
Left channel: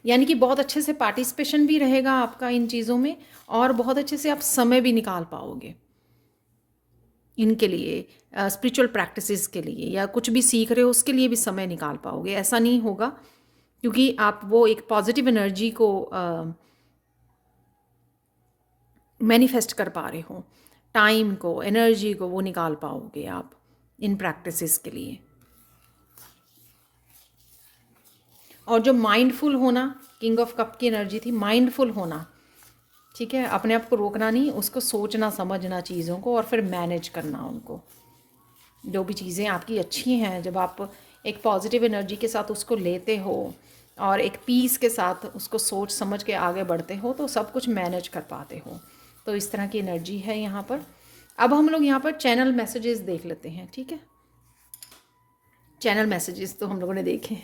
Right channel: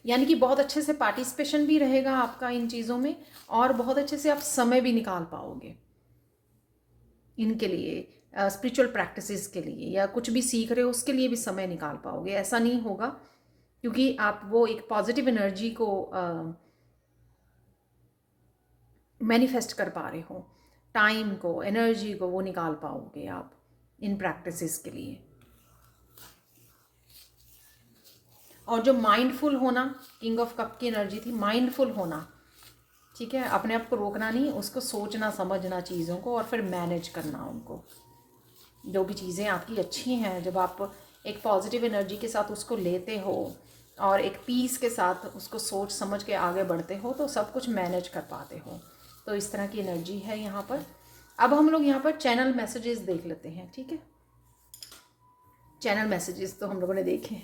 यानी कि बहुत अच्छे से पार्टिसिपेशन भी रहेगा आपका इन चीज़ों में, और बहुत अच्छे से आप समय भी निकाल पाओगे इनके लिए, स्पिरिचुअल प्रैक्टिसेस के लिए, या कुछ भी सीख रहे हो उसके लिए भी समय निकाल पाओगे। ऐसा नहीं होगा, क्योंकि आप वो एक पॉजिटिव एनर्जी को मैनिफेस्ट कर पा रहे हो, टाइम को, एनर्जी को वो निकाल पाओगे आप इन प्रैक्टिसेस के लिए। और जो माइंडफुल होना, किंग ऑफ कप की एनर्जी थी माइंडफुल होना, ठीक है, अपने आप को रोकना नहीं, उसको सोचना समझना चीज़ों को और फिर मैनेज करना उनको। जो भी चीज़ें आपकी अच्छी हैं, जब आप एक पॉजिटिव एनर्जी के साथ उसको लेते हो और एक पीस के साथ उसको सोच समझ के आगे बढ़ते हो, तो सब कुछ मैनेज कर पाते हो। तो इस तरह की एनर्जी है यहाँ पर। अब हम लोग यहाँ पर चैनल मैसेजेस देख लेते हैं, ठीक है। चैनल मैसेजेस तो हम लोगों ने देखे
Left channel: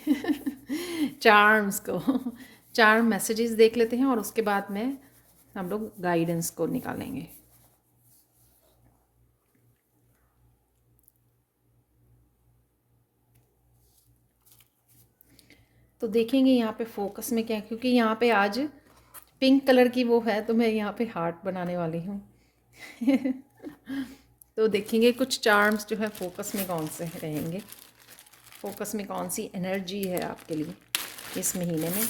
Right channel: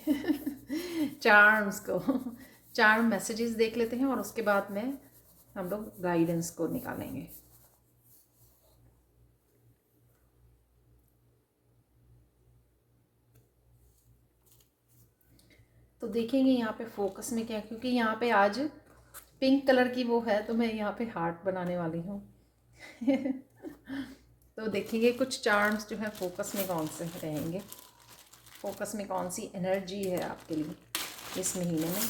चार्म्स को, चार्म मैसेजेस देख लेते हैं और उसके बाद में हम लोग गाइडेंस को निकालेंगे। तो देखेंगे यहाँ पे फोकस में क्या है, क्योंकि यहाँ पे आज पिंक कलर की वो है, तो मैं यहाँ पे हार्ट बनाने वाली हूँ तो देखेंगे कुछ चार्म्स जो है फोकस में कौन से रहेंगे, फोकस में कौन सी एनर्जी है आपके लिए इस महीने में।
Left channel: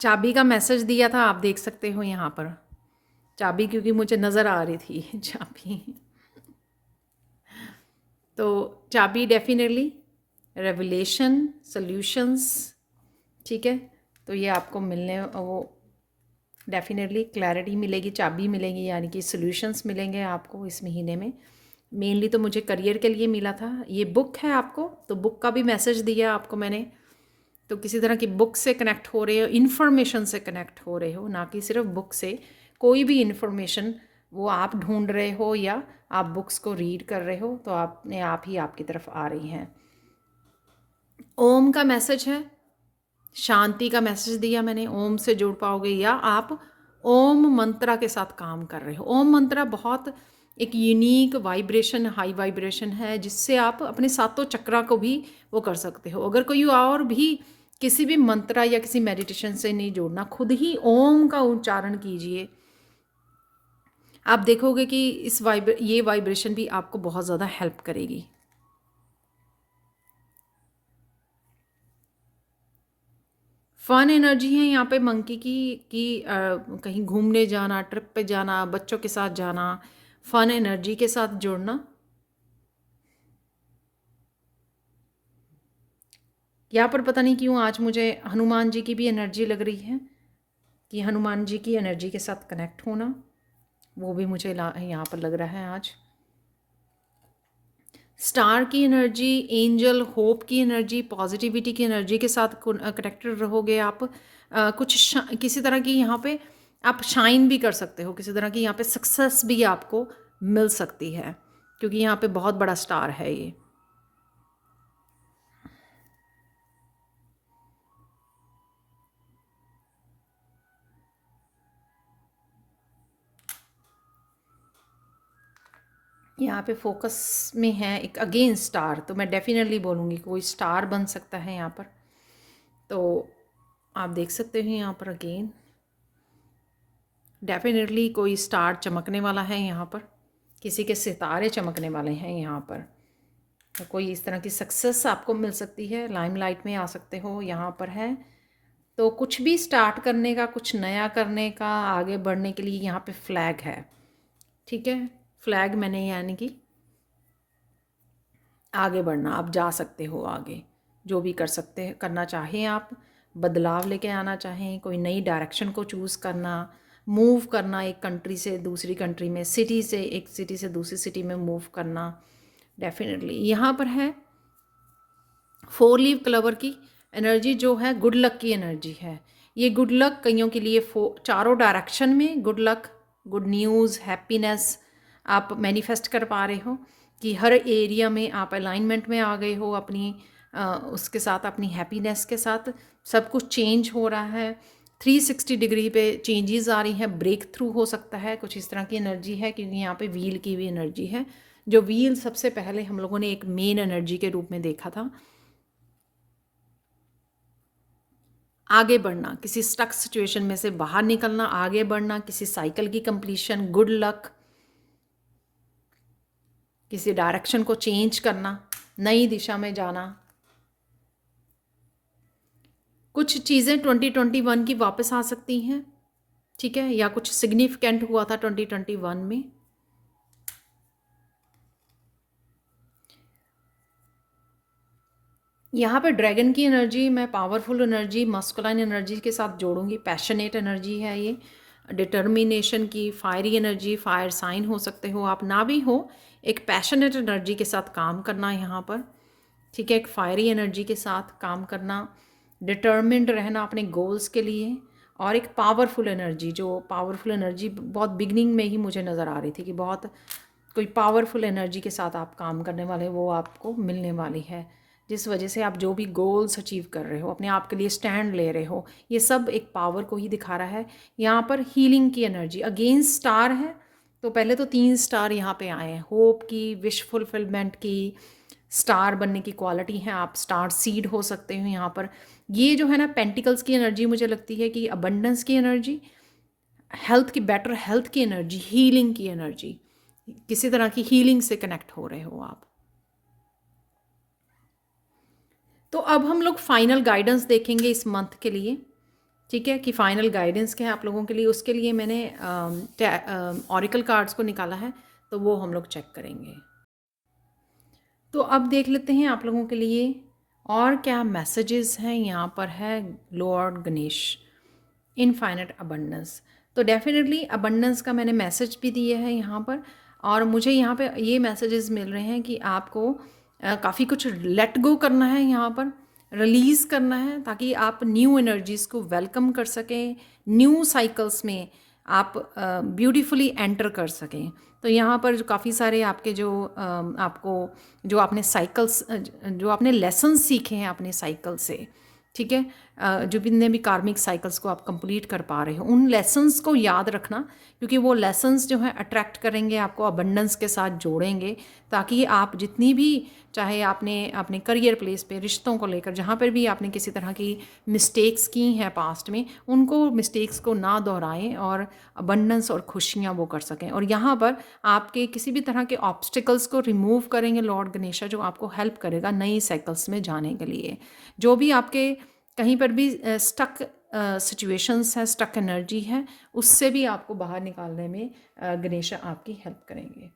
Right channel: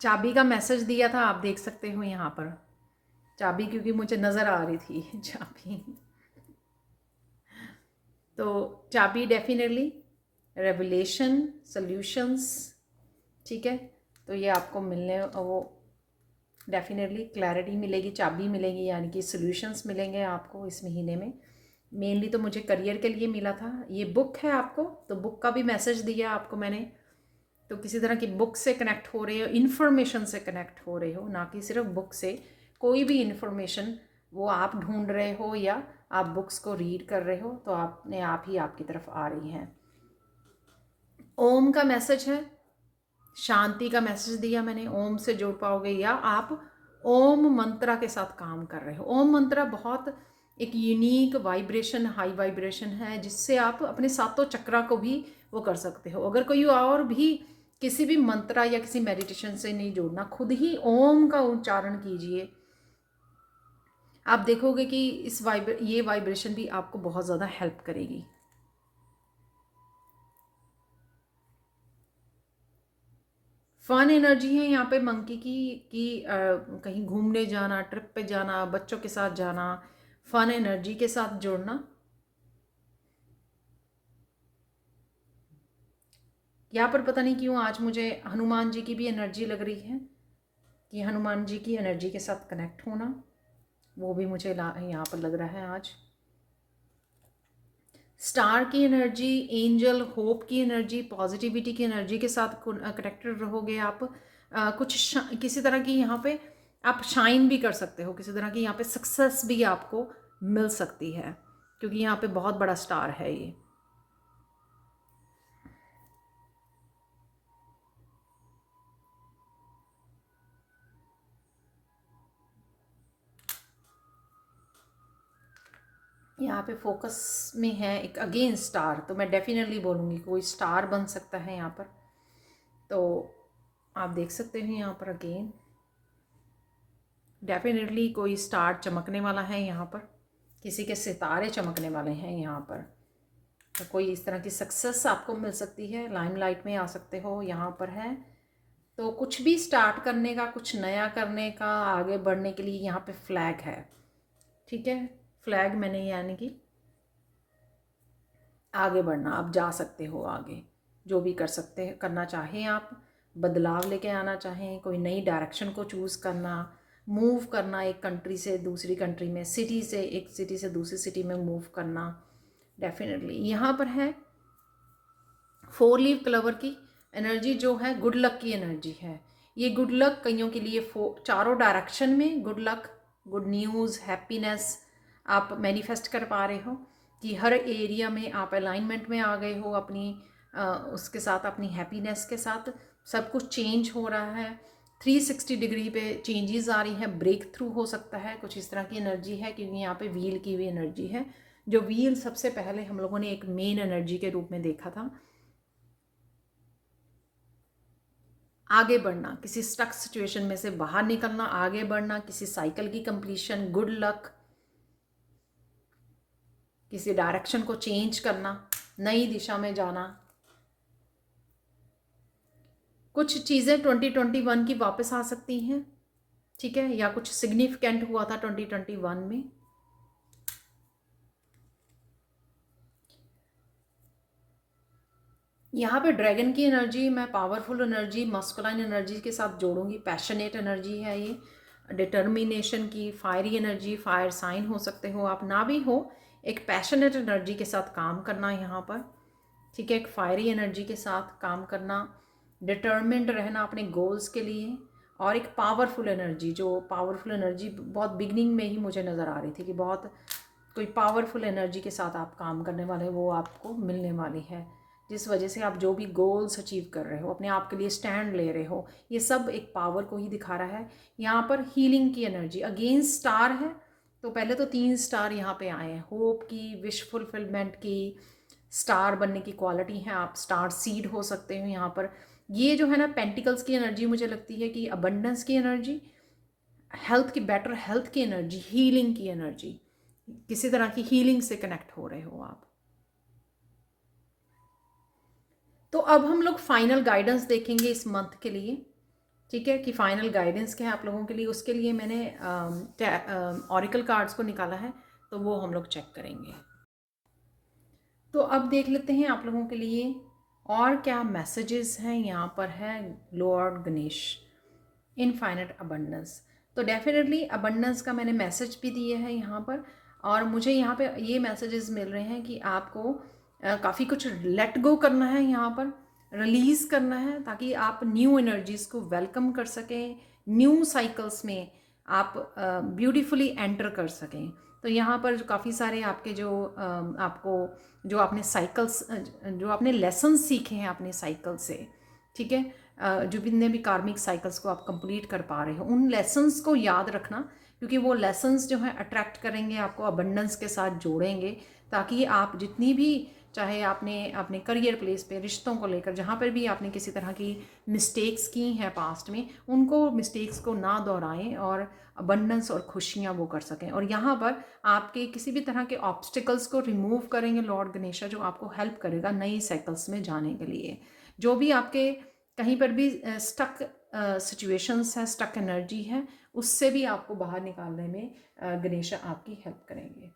चाबी का मैसेज दिया था, आप देख सकते हो यहाँ पर चाबी, क्योंकि मुझे नज़र आ रही थी चाबी तो चाबी डेफिनेटली रेवलेशन, सॉल्यूशंस, ठीक है। तो ये आपको मिलने, वो डेफिनेटली क्लैरिटी मिलेगी, चाबी मिलेगी, यानी कि सॉल्यूशंस मिलेंगे आपको इस महीने में। मेनली तो मुझे करियर के लिए मिला था। ये बुक है आपको, तो बुक का भी मैसेज दिया आपको मैंने। तो किसी तरह की बुक से कनेक्ट हो रहे हो, इन्फॉर्मेशन से कनेक्ट हो रहे हो, ना कि सिर्फ बुक से। कोई भी इन्फॉर्मेशन वो आप ढूंढ रहे हो या आप बुक्स को रीड कर रहे हो, तो आपने आप ही आपकी तरफ आ रही हैं। ओम का मैसेज है, शांति का मैसेज दिया मैंने, ओम से जुड़ पाओगे, या आप ओम मंत्रा के साथ काम कर रहे हो। ओम मंत्रा बहुत एक यूनिक वाइब्रेशन, हाई वाइब्रेशन है, जिससे आप अपने सातों चक्रा को भी वो कर सकते हो। अगर कोई और भी किसी भी मंत्रा या किसी मेडिटेशन से नहीं जोड़ना, खुद ही ओम का उच्चारण कीजिए, आप देखोगे कि ये वाइब्रेशन भी आपको बहुत ज़्यादा हेल्प करेगी। फन एनर्जी है यहाँ पे मंकी की, कहीं घूमने जाना, ट्रिप पे जाना, बच्चों के साथ जाना, फन एनर्जी के साथ जुड़ना। यहाँ पर पता नहीं क्यों आज मुझे हनुमान जी की भी एनर्जी लग रही है, कि हनुमान जी की एनर्जी के साथ कनेक्ट होना, वो भी मुझे यहाँ पर लग रहा है आज। स्टार की एनर्जी, एंजल, होप की एनर्जी, पॉजिटिविटी की एनर्जी के साथ कनेक्टेड रहोगे आप। किसी तरह की यहाँ पे आप शाइन भी कर सकते हो, किसी तरह की यहाँ पे सक्सेस भी आपको मिल सकती है, क्योंकि यहाँ पे बहुत बड़ा स्टार है ये। यहाँ पे फोकस में है एक अगेन स्टार, तो मैं डेफिनेटली बोलूँगी कोई स्टार बन सकता है यहाँ पर। तो आप देख सकते हो यहाँ पर अगेन डेफिनेटली कोई स्टार चमकने वाला है यहाँ पर, किसी के सितारे चमकने वाले हैं यहाँ पर। तो कोई इस तरह की सक्सेस आपको मिल सकती है, लाइमलाइट में आ सकते हो यहाँ पर है। तो कुछ भी स्टार्ट करने का, कुछ नया करने का, आगे बढ़ने के लिए यहाँ पे फ्लैग है, ठीक है। फ्लैग मैंने यानी कि आगे बढ़ना, आप जा सकते हो आगे, जो भी कर सकते हैं, करना चाहें आप, बदलाव लेके आना चाहें, कोई नई डायरेक्शन को चूज़ करना, मूव करना एक कंट्री से दूसरी कंट्री में, सिटी से एक सिटी से दूसरी सिटी में मूव करना, डेफिनेटली यहाँ पर है। 4 लीव क्लवर की एनर्जी जो है गुड लक की एनर्जी है। ये गुड लक कईयों के लिए चारों डायरेक्शन में good luck, good news, happiness आप मैनिफेस्ट कर पा रहे हो कि हर एरिया में आप अलाइनमेंट में आ गए हो अपनी उसके साथ, अपनी हैप्पीनेस के साथ। सब कुछ चेंज हो रहा है, 360 डिग्री पे चेंजेस आ रही हैं, ब्रेक थ्रू हो सकता है, कुछ इस तरह की एनर्जी है क्योंकि यहाँ पे व्हील की भी एनर्जी है। जो व्हील सबसे पहले हम लोगों ने एक मेन एनर्जी के रूप में देखा था। आगे बढ़ना, किसी स्टक सिचुएशन में से बाहर निकलना, आगे बढ़ना, किसी साइकिल की कंप्लीशन, गुड लक, किसी डायरेक्शन को चेंज करना, नई दिशा में जाना। कुछ चीज़ें 2021 की वापस आ सकती हैं, ठीक है, या कुछ सिग्निफिकेंट हुआ था 2021 में। यहाँ पे ड्रैगन की एनर्जी मैं पावरफुल एनर्जी, मस्कुलाइन एनर्जी के साथ जोड़ूंगी। पैशनेट एनर्जी है ये, डिटर्मिनेशन की, फायरी एनर्जी, फायर साइन हो सकते हो आप, ना भी हो, एक पैशनेट एनर्जी के साथ काम करना यहाँ पर, ठीक है, एक फायरी एनर्जी के साथ काम करना, डिटर्मिन्ड रहना अपने गोल्स के लिए। और एक पावरफुल एनर्जी, जो पावरफुल एनर्जी बहुत बिगनिंग में ही मुझे नज़र आ रही थी कि बहुत कोई पावरफुल एनर्जी के साथ आप काम करने वाले, वो आपको मिलने वाली है, जिस वजह से आप जो भी गोल्स अचीव कर रहे हो, अपने आप के लिए स्टैंड ले रहे हो, ये सब एक पावर को ही दिखा रहा है। यहाँ पर हीलिंग की एनर्जी, अगेंस्ट स्टार है, तो पहले तो 3 स्टार यहाँ पे आए हैं, होप की, विश फुलफिलमेंट की, स्टार बनने की क्वालिटी है, आप स्टार सीड हो सकते हो यहाँ पर। ये जो है ना पेंटिकल्स की एनर्जी मुझे लगती है कि अबंडेंस की एनर्जी, हेल्थ की, बेटर हेल्थ की एनर्जी, हीलिंग की एनर्जी, किसी तरह की हीलिंग से कनेक्ट हो रहे हो आप। तो अब हम लोग फाइनल गाइडेंस देखेंगे इस मंथ के लिए, ठीक है, कि फाइनल गाइडेंस क्या है आप लोगों के लिए। उसके लिए मैंने ऑरिकल कार्ड्स को निकाला है, तो वो हम लोग चेक करेंगे। तो अब देख लेते हैं आप लोगों के लिए और क्या मैसेजेस हैं। यहाँ पर है लॉर्ड गणेश, इनफाइनाइट अबंडेंस। तो डेफिनेटली अबंडेंस का मैंने मैसेज भी दिया है यहाँ पर, और मुझे यहाँ पे ये मैसेजेस मिल रहे हैं कि आपको काफ़ी कुछ लेट गो करना है, यहाँ पर रिलीज़ करना है, ताकि आप न्यू एनर्जीज़ को वेलकम कर सकें, न्यू साइकिल्स में आप ब्यूटीफुली एंटर कर सकें। तो यहाँ पर जो काफ़ी सारे आपके जो आपको जो आपने साइकिल्स जो आपने लेसन सीखे हैं अपने साइकिल से, ठीक है, जो जितने भी कार्मिक साइकिल्स को आप कंप्लीट कर पा रहे हो, उन लेसन्स को याद रखना, क्योंकि वो लेसन्स जो हैं अट्रैक्ट करेंगे, आपको अबंडेंस के साथ जोड़ेंगे, ताकि आप जितनी भी, चाहे आपने अपने करियर प्लेस पे, रिश्तों को लेकर, जहाँ पर भी आपने किसी तरह की मिस्टेक्स की हैं पास्ट में, उनको मिस्टेक्स को ना दोहराएं और अबंडेंस और खुशियाँ वो कर सकें। और यहाँ पर आपके किसी भी तरह के ऑब्स्टिकल्स को रिमूव करेंगे लॉर्ड गणेशा, जो आपको हेल्प करेगा नई साइकिल्स में जाने के लिए। जो भी आपके कहीं पर भी स्टक सिचुएशंस है, स्टक एनर्जी है, उससे भी आपको बाहर निकालने में गणेशा आपकी हेल्प करेंगे।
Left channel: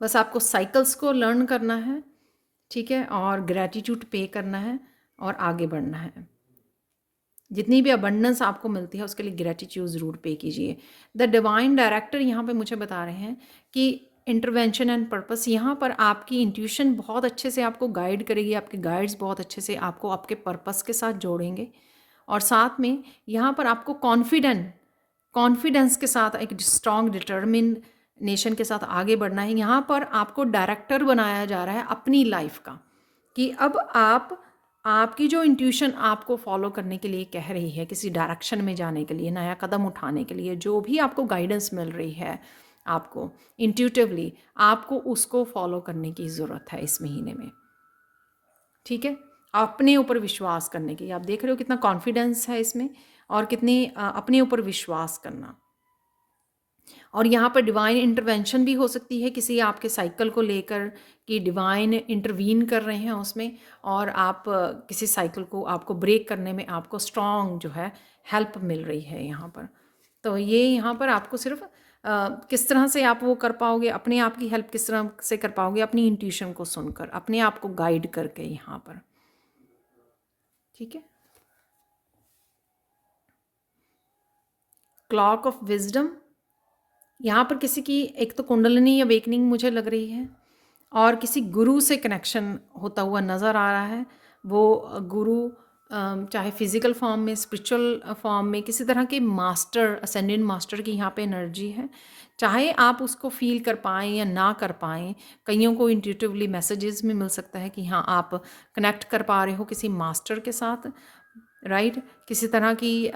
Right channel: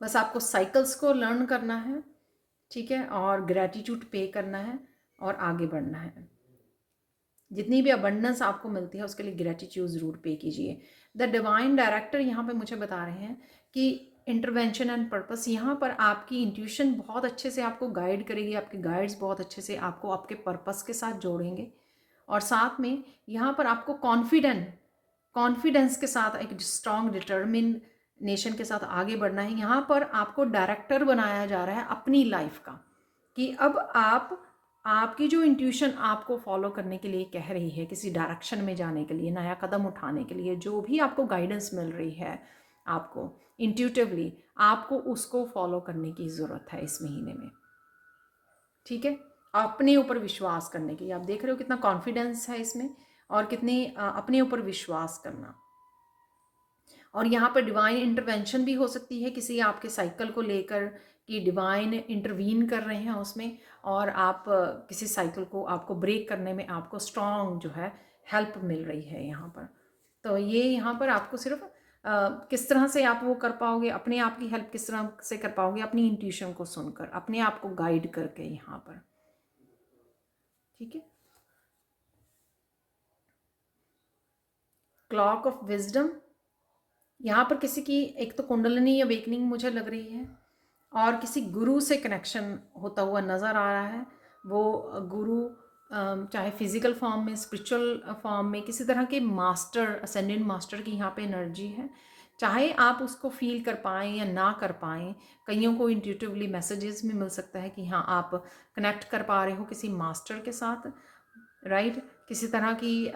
बस आपको साइकिल्स को लर्न करना है, ठीक है, और ग्रैटिट्यूड पे करना है और आगे बढ़ना है। जितनी भी अबंडेंस आपको मिलती है उसके लिए ग्रैटिट्यूड ज़रूर पे कीजिए। द डिवाइन डायरेक्टर यहाँ पे मुझे बता रहे हैं कि इंटरवेंशन एंड पर्पस, यहाँ पर आपकी इंट्यूशन बहुत अच्छे से आपको गाइड करेगी, आपके गाइड्स बहुत अच्छे से आपको आपके पर्पस के साथ जोड़ेंगे, और साथ में यहाँ पर आपको कॉन्फिडेंस के साथ एक स्ट्रॉन्ग डिटर्मिनेशन के साथ आगे बढ़ना है। यहाँ पर आपको डायरेक्टर बनाया जा रहा है अपनी लाइफ का, कि अब आपकी जो इंट्यूशन आपको फॉलो करने के लिए कह रही है, किसी डायरेक्शन में जाने के लिए, नया कदम उठाने के लिए, जो भी आपको गाइडेंस मिल रही है आपको इंट्यूटिवली, आपको उसको फॉलो करने की ज़रूरत है इस महीने में, ठीक है, अपने ऊपर विश्वास करने की। आप देख रहे हो कितना कॉन्फिडेंस है इसमें, और कितनी अपने ऊपर विश्वास करना। और यहाँ पर डिवाइन इंटरवेंशन भी हो सकती है किसी आपके साइकिल को लेकर, कि डिवाइन इंटरवीन कर रहे हैं उसमें, और आप किसी साइकिल को आपको ब्रेक करने में आपको स्ट्रॉन्ग जो है हेल्प मिल रही है यहाँ पर। तो ये यहाँ पर आपको सिर्फ किस तरह से आप वो कर पाओगे, अपने आप की हेल्प किस तरह से कर पाओगे, अपनी इंट्यूशन को सुनकर, अपने आप को गाइड करके यहाँ पर। ठीक है। क्लॉक ऑफ विजडम, यहाँ पर किसी की एक तो कुंडलिनी अवेकनिंग मुझे लग रही है, और किसी गुरु से कनेक्शन होता हुआ नज़र आ रहा है। वो गुरु चाहे फिजिकल फॉर्म में, स्पिरिचुअल फॉर्म में, किसी तरह के मास्टर, असेंडेंट मास्टर की यहाँ पे एनर्जी है। चाहे आप उसको फील कर पाएँ या ना कर पाएँ, कईयों को इंट्यूटिवली मैसेजेस में मिल सकता है कि हाँ आप कनेक्ट कर पा रहे हो किसी मास्टर के साथ, राइट। किसी तरह की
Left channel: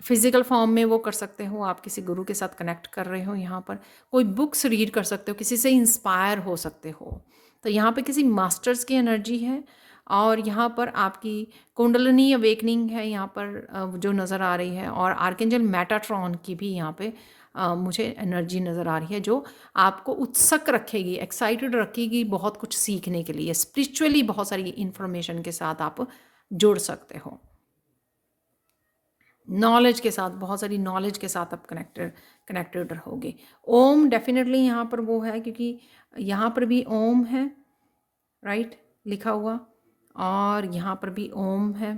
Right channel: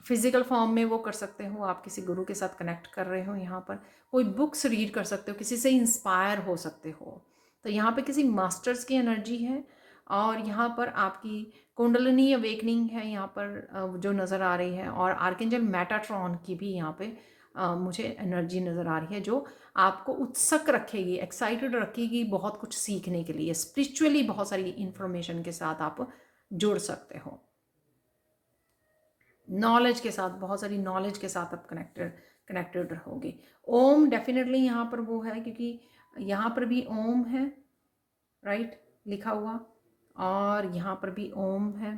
फिज़िकल फॉर्म में वो कर सकते हो, आप किसी गुरु के साथ कनेक्ट कर रहे हो, यहाँ पर कोई बुक्स रीड कर सकते हो, किसी से इंस्पायर हो सकते हो। तो यहाँ पे किसी मास्टर्स की एनर्जी है, और यहाँ पर आपकी कुंडलिनी अवेकनिंग है यहाँ पर जो नज़र आ रही है, और आर्कएंजल मेटाट्रॉन की भी यहाँ पे मुझे एनर्जी नज़र आ रही है, जो आपको उत्सुक रखेगी, एक्साइटेड रखेगी बहुत कुछ सीखने के लिए। स्पिरिचुअली बहुत सारी इंफॉर्मेशन के साथ आप जुड़ सकते हो, नॉलेज के साथ, बहुत सारी नॉलेज के साथ आप कनेक्टेड रहोगे। ओम डेफिनेटली यहाँ पर वो है, क्योंकि यहाँ पर भी ओम है, राइट, लिखा हुआ, और यहाँ पर भी ओम है।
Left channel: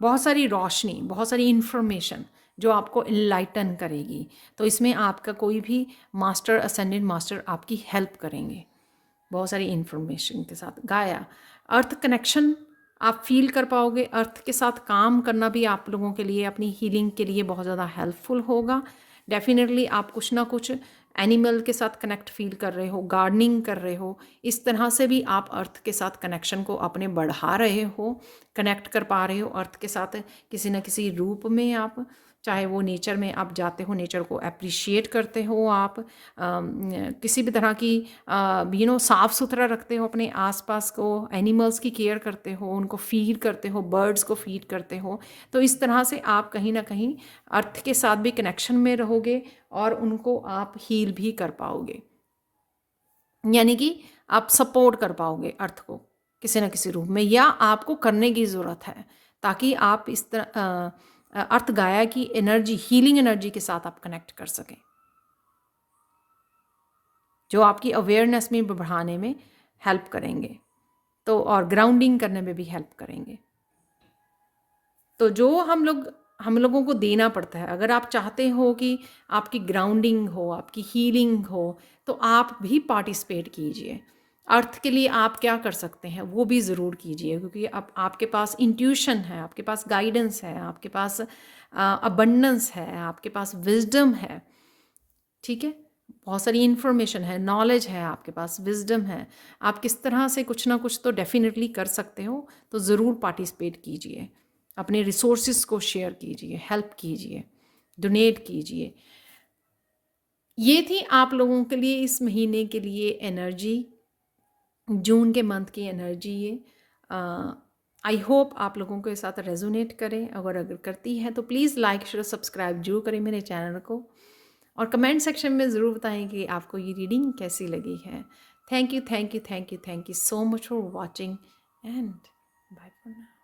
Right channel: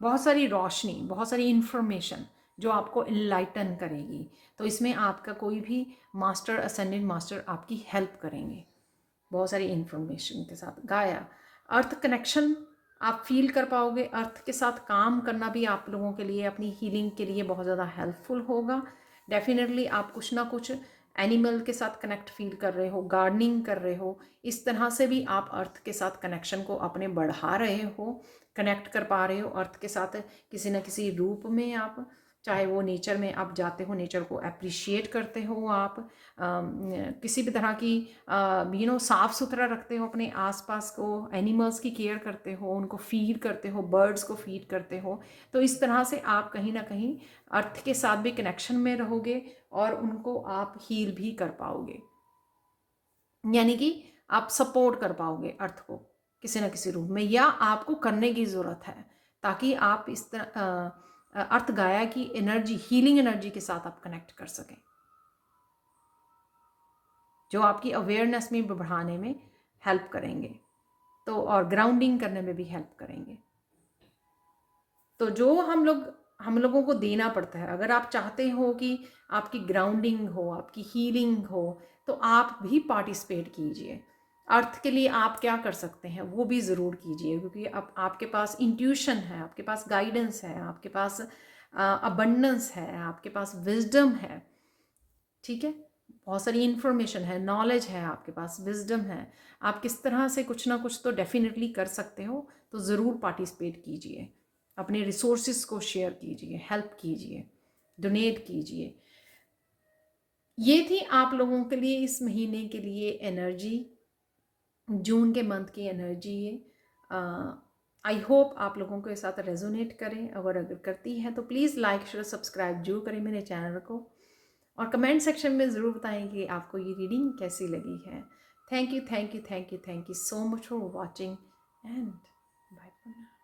बहुत सारी रोशनी, बहुत सारी इंफॉर्मेशन जो आपको इनलाइटन करेगी। तो इसमें आपका कोई भी मास्टर, असेंडेंट मास्टर आपकी हेल्प करेंगे बहुत सारी इंफॉर्मेशन के साथ। गाया, अर्थ कनेक्शन आप फील कर पाओगे। अर्थ के साथ काम करना भी आप लोगों के लिए, अपनी हीलिंग के लिए बहुत ज़्यादा हेल्पफुल होगा। डेफिनेटली आप कुछ ना कुछ एनिमल के साथ कनेक्ट फील कर रहे हो, गार्डनिंग कर रहे हो, इस तरह से भी आप अर्थ के साथ कनेक्शन को अपने बढ़ा रहे हो, कनेक्ट कर पा रहे हो अर्थ के साथ किसी न किसी रूप में। आप चाहे वो नेचर में आप जाते हो, नेचर को अप्रिशिएट करते हो, आप किसी भी तरह की साफ़ सुथरा रखते हो अपने आसपास को, एनिमल्स की केयर करते हो, उनको फीड करते हो, बर्ड्स को फीड करते हो। तो इस तरह से आप कहीं ना कहीं अर्थ के साथ भी कनेक्शन में रहोगे, और उनको आप हील भी कर पाओगे, यानी कि आप सपोर्ट कर पाओगे अर्थ को किसी न किसी रूप में, या आपको करने की ज़रूरत है, ताकि आप इस तरह अर्थ गाया की एनर्जी, हीलिंग एनर्जी के साथ आप कनेक्ट कर सकें, जो आपकी अवेयरनेस में बढ़ाने में हेल्प करेंगे, तो और ग्राउंडिंग करने में भी हेल्प करेंगे। तो जो हम लोगों को देना पड़ता है, अगर आप चाहते हो कि आपकी ग्राउंडिंग हो, आपकी हीलिंग हो, तो आप भी पार्टिसिपेट कीजिए। अर्थ के लिए आप क्या कर सकते हैं वो भी ज़रूर कीजिए, क्योंकि अब आपके पास इंट्यूशन है, आपके पास गाइडेंस है, आपके पास अबंडेंस है, आपके पास विजडम है। ठीक है, बहुत सारी इन्फॉर्मेशन है, नॉलेज है आपके पास, विजडम है। आप किस तरह से कुछ ना कुछ तो डेफिनेटली कर सकते हो, तो ज़रूर पार्टिसिपेट कीजिए, अपने रिसोर्सेज को शेयर कीजिए, हेल्प कीजिए, डोनेट कीजिए। ये थी आप लोगों के लिए इस महीने के लिए एनर्जी, जून के मंथ की एनर्जी। ये आई होप आप लोगों के साथ रेजोनेट करें। अगर करती है तो प्लीज़ लाइक, शेयर, सब्सक्राइब जरूर करें मेरे चैनल को, और कमेंट सेक्शन में ज़रूर बताएं कि आपको ये रीडिंग कैसी लगी है। Thank you, thank you, thank you, thank you so much for watching, and bye for now.